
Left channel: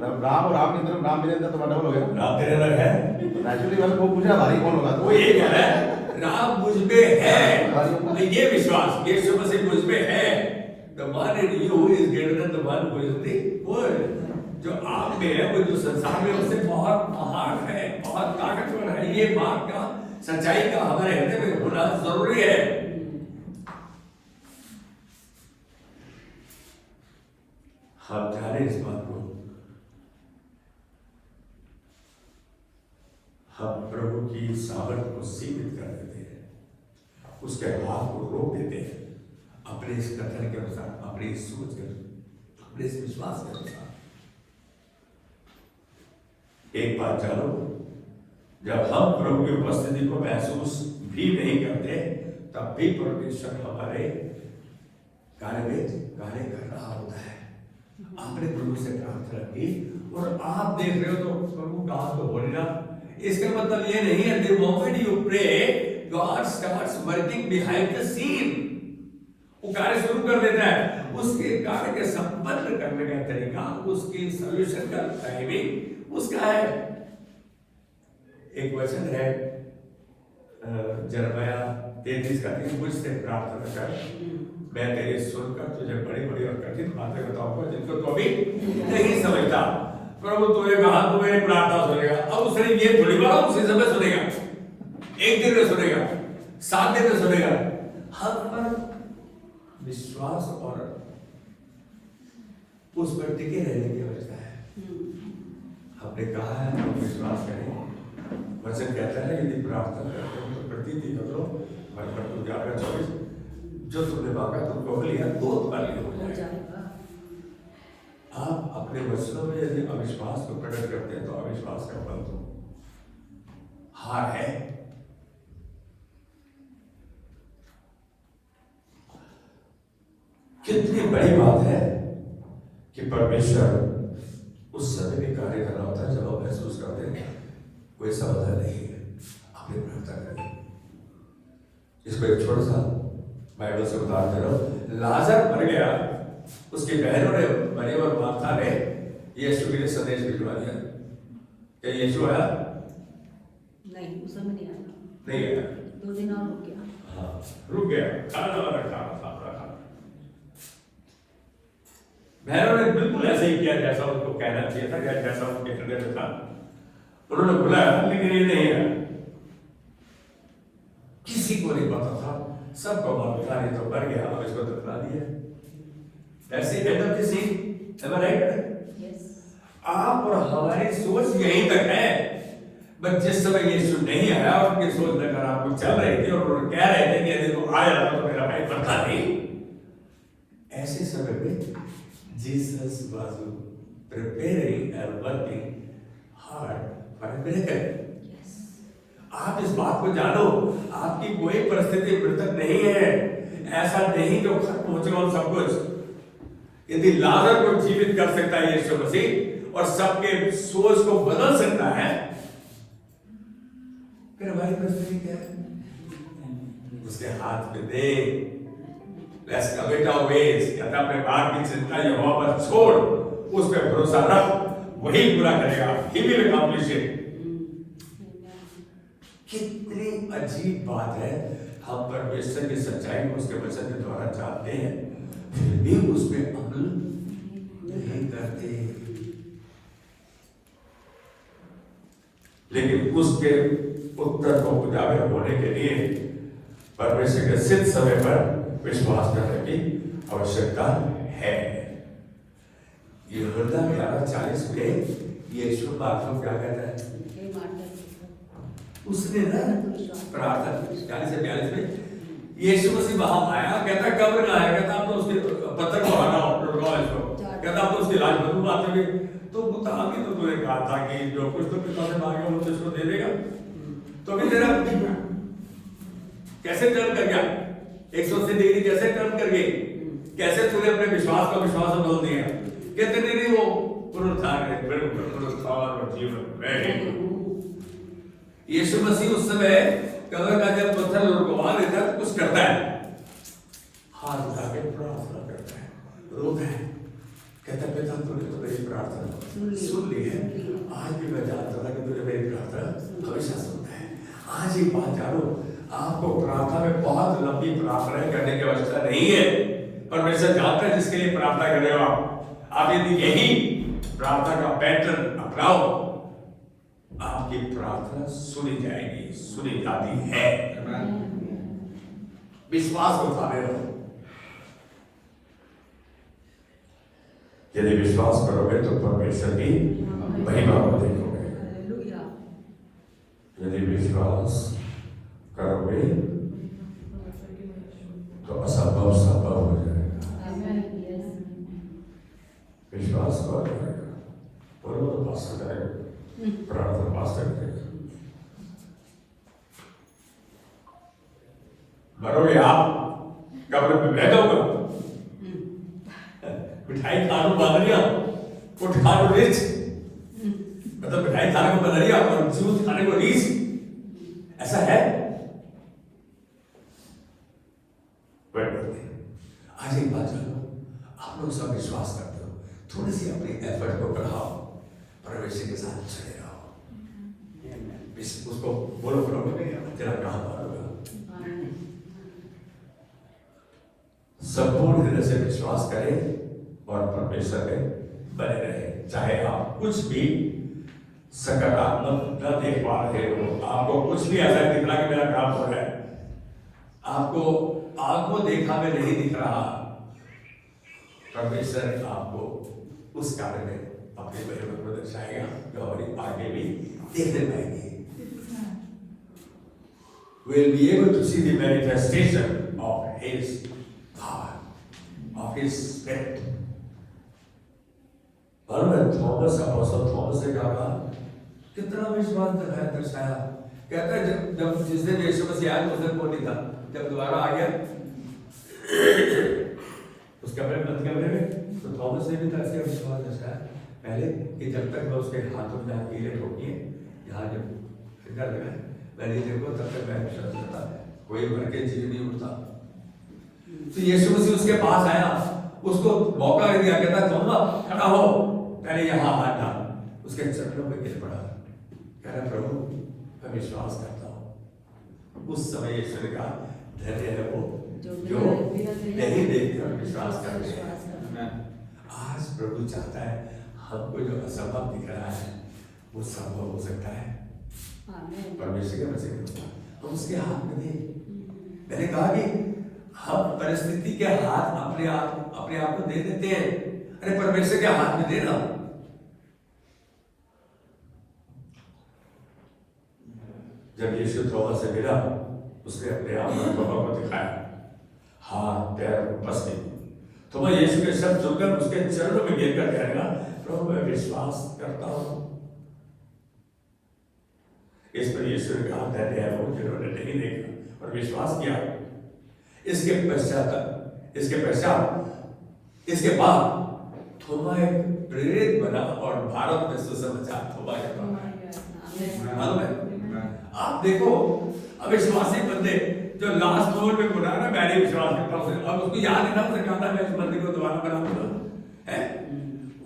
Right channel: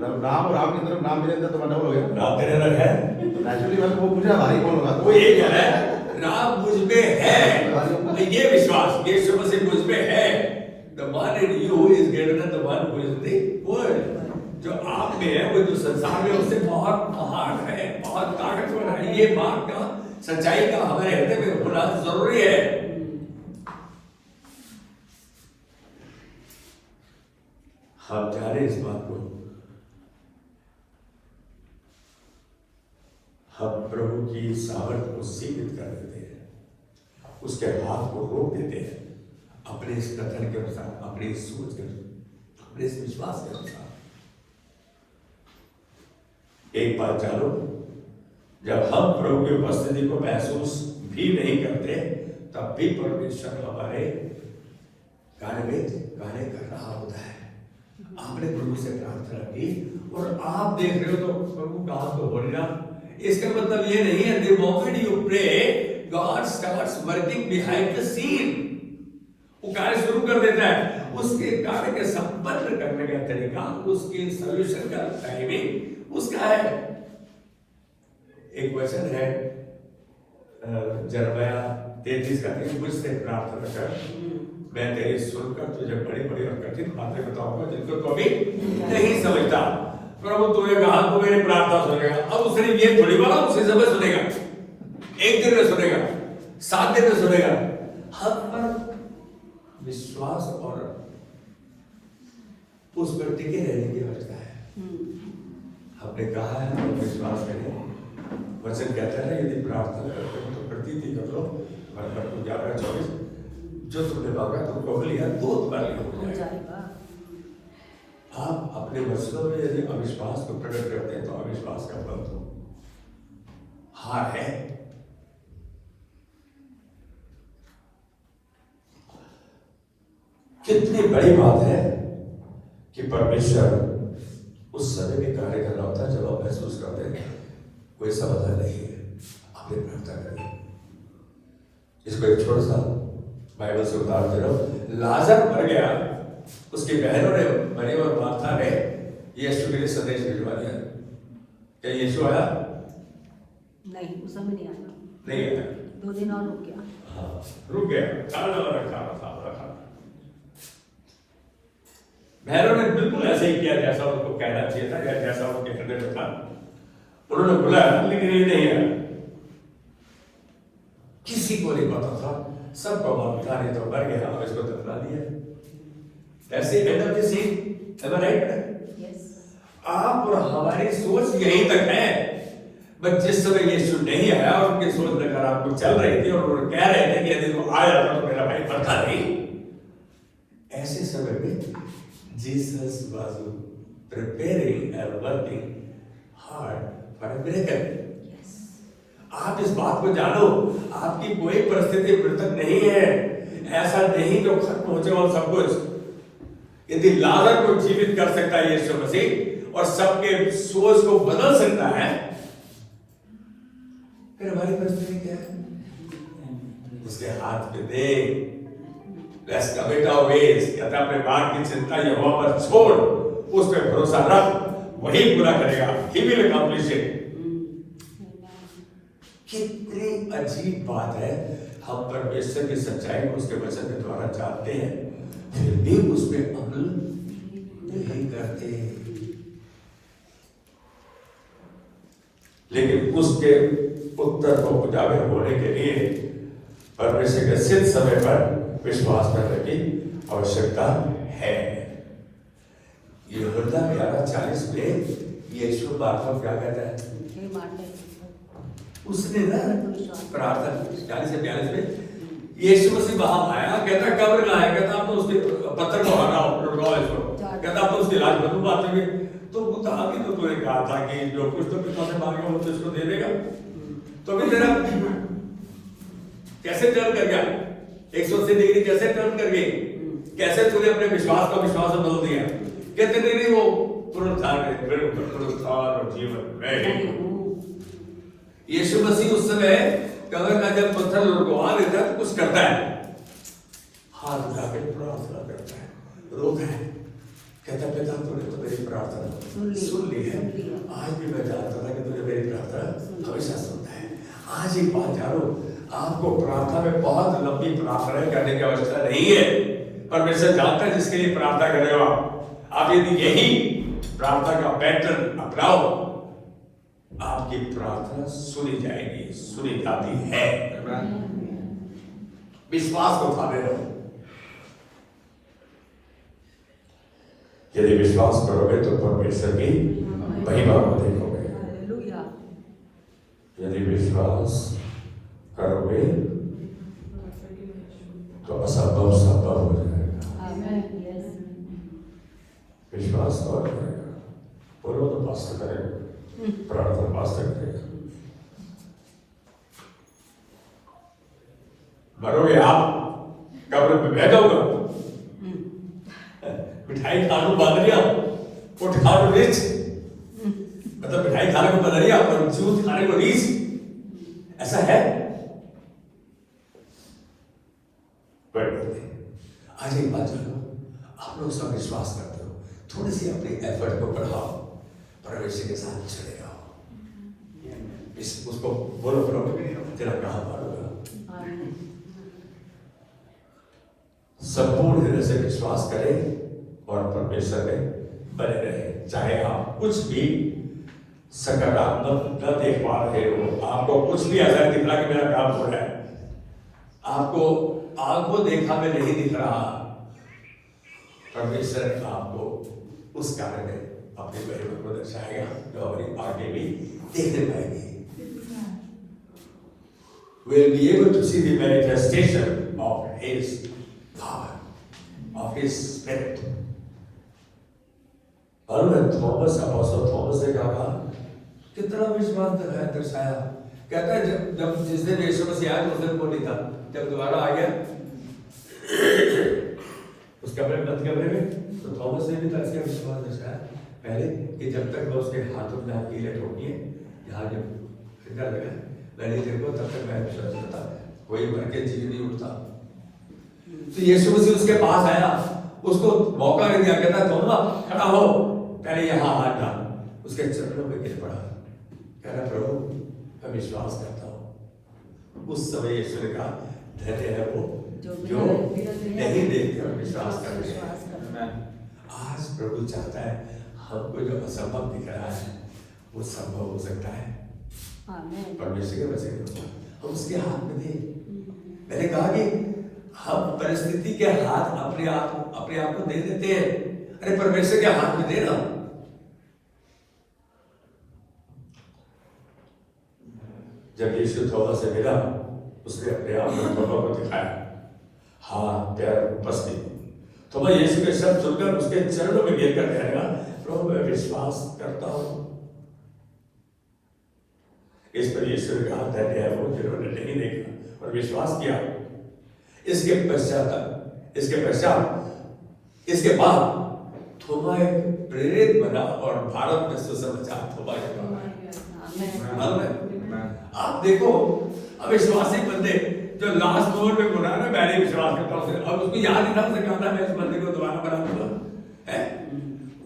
राम और राम के अंदर राम मेरे अंदर तो डबल हो गया। राम तेरे अंदर है। नेचुरली मैं वो पूछा भारी कौन होगा? वो ये कह रहा है राम मुझ में है, ये विश्वास यीशु मसीह मुझ में है। The one in you is greater than the one who is in the world. जो आप में है वो जो संसार में उससे बहुत महान है, बहुत ताकतवर है। ये बात का सच्चाई का हमारे हृदय में होना जरूरी है। हम जाने इस बात को, हम प्रभु की सामर्थ को सीमित कर देते हैं, उसके हाथ को रोक देते हैं अपने इस कथन के अनुसार, अपनी इस सोच के अनुसार, अपने इस विश्वास के अनुसार। एक बात जानो, जब हम प्रभु की उपस्थिति को महसूस भी नहीं करते तब भी परमेश्वर हमारे कार्य कर रहा होता है। आपने प्रभु से प्रार्थना की और आप देख रहे हो तो प्रभु का हाथ तो हो रहा। इसका मतलब ये नहीं है the moment you pray God starts working behind the scene। वो कार्य शुरू कर देता है। उसके कार्य के संपन्न करने का तरीका, उसकी सॉल्यूशन का टाइमिंग उसका है। एक वचन है यिर्मयाह 33 का, मुझसे प्रार्थना कर, मैं तेरी सुनकर तुझे बड़ी बड़ी और कठिन बातें बताऊंगा जिनको तो अभी नहीं समझता। प्रभु तूने कहा तू मेरी प्रार्थना सुनेगा। अब उसने ये थोड़ी बोला उसी समय सुनेगा, एक दिन में सुनेगा, 7 दिन में सुनेगा। हर पर विश्वास और उस पर टिके रहने की आवश्यकता है। हमने कहा है हम विश्वास करें। वचन कहता है यदि प्रार्थना करते हो तो प्रतीति करो, पर तुम क्या कर 24 जो तुमने मांगा तुमको लिया, 2 बार हो जाएगा। आप अपने वचनों में यदि अविश्वास को प्रकट करते हैं तो अविश्वास का फल तो हार है। कितनी बड़ी बात है कि परमेश्वर उस समय में कार्य कर रहा होता है जब आप महसूस करते हैं कोई समाधान नहीं है। आपने प्रार्थना करें। इसको एक छोटा सा बाइबल से उदाहरण दे रहा हूं। लाजर मर गया, उसकी बहनों ने, मरियम और मार्था ने यीशु के लिए संदेश भिजवा दिया। क्या यीशु आया? नहीं, उस समय नहीं आया। नहीं आया। 2 दिन और रुक गया। हाँ, रुक गया। खाना रखा था। बहनों ने बिल्कुल ऐसे ही किया जैसा उनको कहना चाहिए था, जैसा उनके हृदय में था। उन्होंने बुलाया लेकिन ये नहीं आया। किसी को नहीं पता था, सबको मालूम था नहीं तो मर गया और इसको दफना दिया। ऐसे बेहतर किसी आप और हमारी सोच यहीं तक है। बट जिस समय यीशु नहीं आया और उनकी सोच नकारात्मक चल रही थी और उन्होंने कह रहे थे कि यदि वो आया था तो मेरा भाई मरता नहीं। ऐसे समय में Jesus was preparing and working hard for a miracle। आप इस बात को जानो, आपकी कोई परिस्थिति मृतक नहीं है। ऐसा नहीं जो खत्म हो जाए सब कुछ। यदि लाजर को जीवित कर सकता है यीशु मसीह और सबके सोच को बदल सकता है, फिर हमारी परिस्थिति क्या है? उसके हाथ में दे। Let's commit our ways। कहता है अपने भाग की चिंता यहोवा पर छोड़, उस पर भरोसा रख, वही पूरा करेगा। He will accomplish it। कितनी अजीब बात है, हम परमेश्वर की सच्चाई को उसके वचन के द्वारा जानते हैं, फिर भी उस पर अमल नहीं करते। लेकिन उसके उत्तर को उजागर होने के लिए परमेश्वर के सिद्ध समय पर विश्वास करने की आवश्यकता है। यूहन्ना 11:40 में यीशु मार्था क्या कहता है? उसने ना प्रार्थना 40 से 42 में यीशु मसीह वहां आया, कहता कब्र में आया, कहता आप तो उसके पत्थर को हटाओ, लुटवाओ इसको, कहता आप तो उसकी लाश बदबू आते हुए तो वो तो अभी तो तूने कहा था कि जो कुछ तो पिता से मांगे वो तो इसको दे देगा, तो अभी तेरा कैसे टर्न कर गया, 180 डिग्री कैसे टर्न कर गई, कैसे तूने अपने विश्वास को विश्वास में बदल दिया। कहते नहीं वो पुनरुत्थान और जीवन में यीशु मसीह उस समय कबर का जब पत्थर रुकवा देता है तो कुछ करता है, हाथ उठा के प्रार्थना करता है, रोता है, कहता पिता तूने तो मेरी प्रार्थना सुन ली है, आज भी मैं जानता था कि तुझे मेरी प्रार्थना हमेशा सुनता है। आज एक बात जानो, आपको प्रार्थना में बहुत लंबी प्रार्थना करने की आवश्यकता नहीं है, परमेश्वर जानता है जिसके लिए प्रार्थना कर रहे हो आप यदि यही प्रार्थना का पैटर्न अपनाओ, आपकी प्रार्थना सुनी जाएगी, सुनी जाती है। विश्वास को उठाने रहो, यदि विश्वास करोगे तो परमेश्वर की महिमा को देखोगे, यदि विश्वास करोगे तो असंभव संभव हो जाएगा। विश्वास कर जाएगा, बोलो तो पास करेगा, प्रार्थना पास करेगा। मरोगे आप, कब्र में बैठोगे, मिठाई खाने को बदल गया, उठा को रीच, मतलब मिठाई खाने को बदल गया और जूस खाने को रीच, ऐसा है? आज एक बात जानो, आप लोग सब विश्वास करते हो, थोड़ी सी अपनी एफर्ट को बढ़ाओ, परमेश्वर के साथ जुड़े रहो, उसको बोलो प्रभु तेरा प्राण मारूंगा, संपूर्ण हृदय से विश्वास करें और परमेश्वर में बने रहे। चाहे आप कुछ भी सकारात्मक न देख पा रहे हो, आपको कुछ भी ऐसा दिख रहा कि मेरा काम हो रहा है, आपको आंखों देखा में नहीं दिख रहा, परमेश्वर आपको उस कार्य में अपने महिमा को दर्शाएगा जो हमारी आगे भी देखने पाएंगे। We'll be able to see the manifestation of His power, of His Spirit. और थॉमस अपोस्टल थॉमस ने कहा कितना विश्वास दर्शाया, कहता है जब जिस दिन यीशु मसीह आया उस दिन वो नहीं था, जब दोबारा आ गया उस कमरे में तो थॉमस ने भी इसका विश्वास दर्शाया पहले कि जब तक मैं उसके हाथों में हाथ कीले ठोकिए, यहाँ जब फिंगर लगा पहले देखो तब तक मैं विश्वास करता, कोई मर के जीव नहीं उठता। तो यीशु मसीह उसके पास आया, उसको मौका नहीं दिया, कहता थोमा खड़ा हो, पहले यहाँ हाथ डाल, उसके चरणों में गिर पड़ा, कह रहा प्रभु मैं विश्वास करता हूँ। उस समय यीशु ने कहा धन्य है वो जो नहीं देखकर विश्वास करते हैं। आज प्रभु चाहता है हमको जो असंभव दिख रहा है वो संभव हो सकता है, परमेश्वर के वजह हम उसके हाथ में दे। मैंने कहा कि हम परिस्थिति के हाथ अपने आप को दे देते हैं, अरे परमेश्वर के हाथ में देना। जब यीशु थोड़ा से मिला, उसने अपने आप को दिखाया, हाथ पैर उपस्थित, तो मैं यीशु के शब्द सुनकर उसके चरणों में गिर कर कहेगा प्रभु मैं विश्वास करता हूं। इस पर यीशु ने कहा धन्य है वो जिन्होंने नहीं देखा और विश्वास किया। इसके बाद थोमा एक प्रेरित बना और भारत में सुसमाचार थोमा आप देखो अविश्वासी बंदे जो लास्ट फ्लोर में बोला ना मैंने विश्वास करता हूं, अब उसको याद नहीं था, उसने कहा था मैं इस मंदिर को दोबारा बना दूंगा, है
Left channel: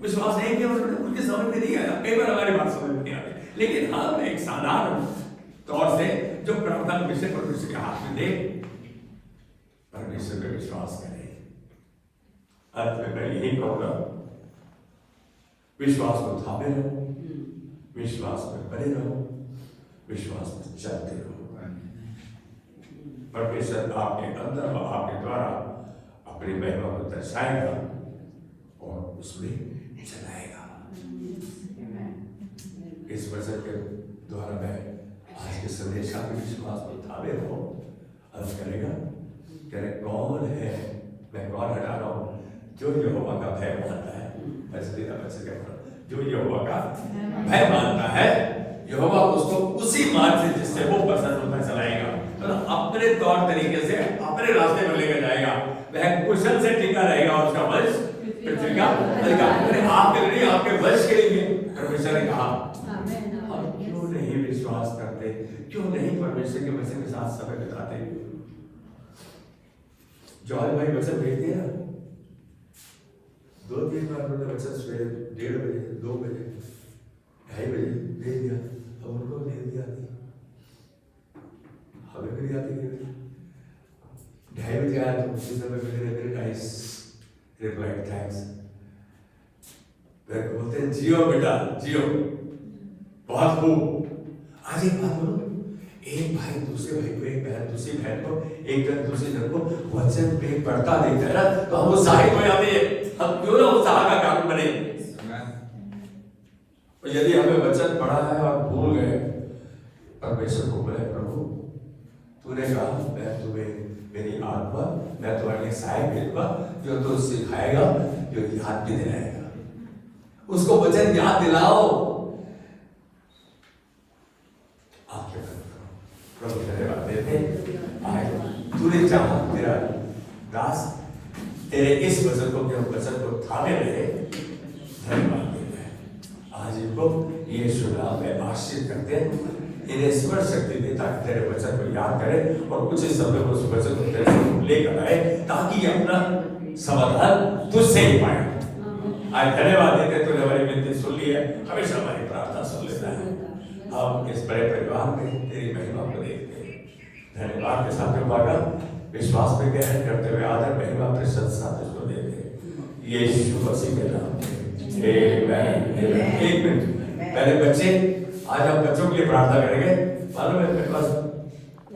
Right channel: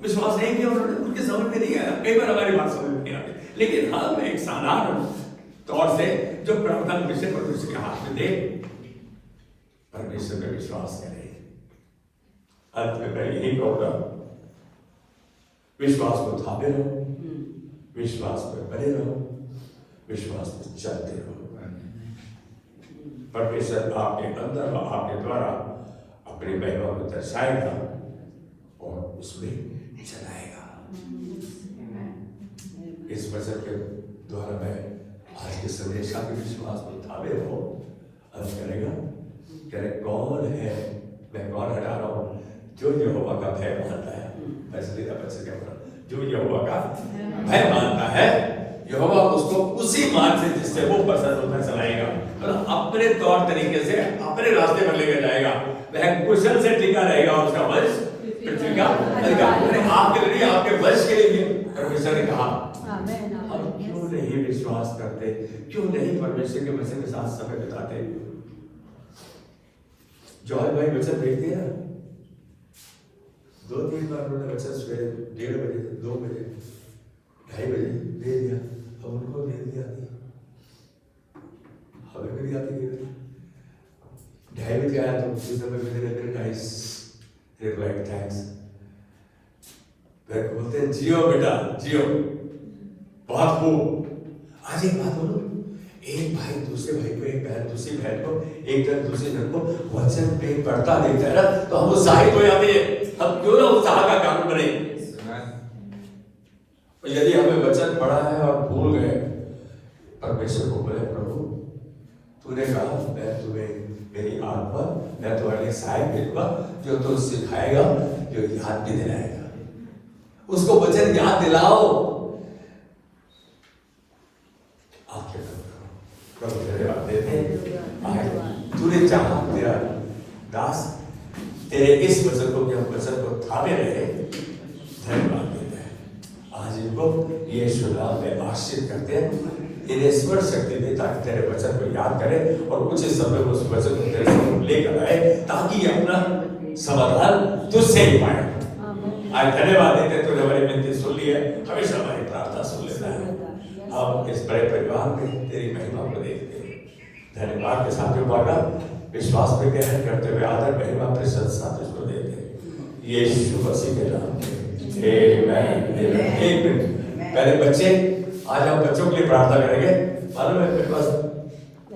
विश्वास नहीं किया उन्होंने, उनके समझ में नहीं आया। कई बार हमारी बात समझ में नहीं आती, लेकिन हाँ मैं एक साधारण तौर से जो प्रार्थना विषय परमेश्वर के हाथ में दे, परमेश्वर पे विश्वास करे। अंत में मैं यही कहूंगा विश्वास को थामे रहो, विश्वास में बने रहो, विश्वास में चलते रहो। परमेश्वर आपके अंदर व आपके द्वारा अपनी महिमा को दर्शाएगा और उसमें चलाएगा। इस वचन के द्वारा मैं आज के संदेश का भी विश्वास को थामे हो अर्ज करेगा कि कौन है, मैं कौन हटा रहा हूं जो यहोवा का भय मानता है। जो यहोवा का भय मानता है, यहोवा उसको उसी मार्ग से जिससे वो पसंद में चलाएगा, मतलब अपने तौर तरीके से अपने रास्ते पर लेकर जाएगा। वह कुशल से टिका रहेगा और उसका वंश पृथ्वी का अधिकार। आपके लिए, आपके वंश के लिए परमेश्वर ने कहा। हम क्यों नहीं विश्वास करते, क्यों नहीं परमेश्वर के वचन के साथ समय बिताते? जॉय भाई वचन भेज दिया 2-3 बार उन्होंने वचन सवेरे 1:30 बजे, 2 बजे, 2:30 बजे भेज दिया, अब उनको भेज दिया, हमें भी आती है 2:30 बजे आया तो उसी समय मैंने वेरी नाइस रिप्लाई, थैंक्स। फिर बोलते हैं जियो बेटा जियो, बहुत खूब। आज एक बात बोलो, एक भाई दूसरे भाई को, एक बहन दूसरी बहन को, एक जन दूसरे जन को वचन पे पढ़ता देखता है ना, तो हम उत्साहित हो जाते हैं। हम क्यों ना उत्साह का काम करें? यदि हमें वचन पढ़ा है और भूल गए, परमेश्वर को बोले प्रभु तूने कहा मैं तुम्हें मेरी आत्मा, मैं तुम्हारे सहायक भेजूंगा जो तुम सिखाएगा, जो याद भी दिलाएगा। उसको वचन याद दिलाओ। आपके प्रभु धन्यवाद देते आए, तूने चाहा तेरा दास तेरे इस वचन को, के वचन को थामे रहे, धन्यवाद देते हैं। आज इनको यीशु नाम में आशीर्वाद करते हैं, इन्हें स्मरण शक्ति दे ताकि तेरे वचन को याद करें और कुछ समय उस वचन को तेरे सामने लेकर आए, ताकि ये अपना समाधान तुझसे ही पाए। आज धन्यवाद देते, तूने हमारी विनती सुन ली है, हमेशा हमारी प्रार्थना सुन लेता है। अब इस बड़े परिवार में तेरी महिमा को देखते हैं, धन्यवाद के साथ विश्वास पे ग्रहण करते हुए आदर महिमा प्रशंसा तुझको देते हैं यीशु मसीह के नाम में, आमेन। पहले बच्चे, आज हम बच्चों के लिए प्रार्थना करेंगे। मालूम है मेरे पास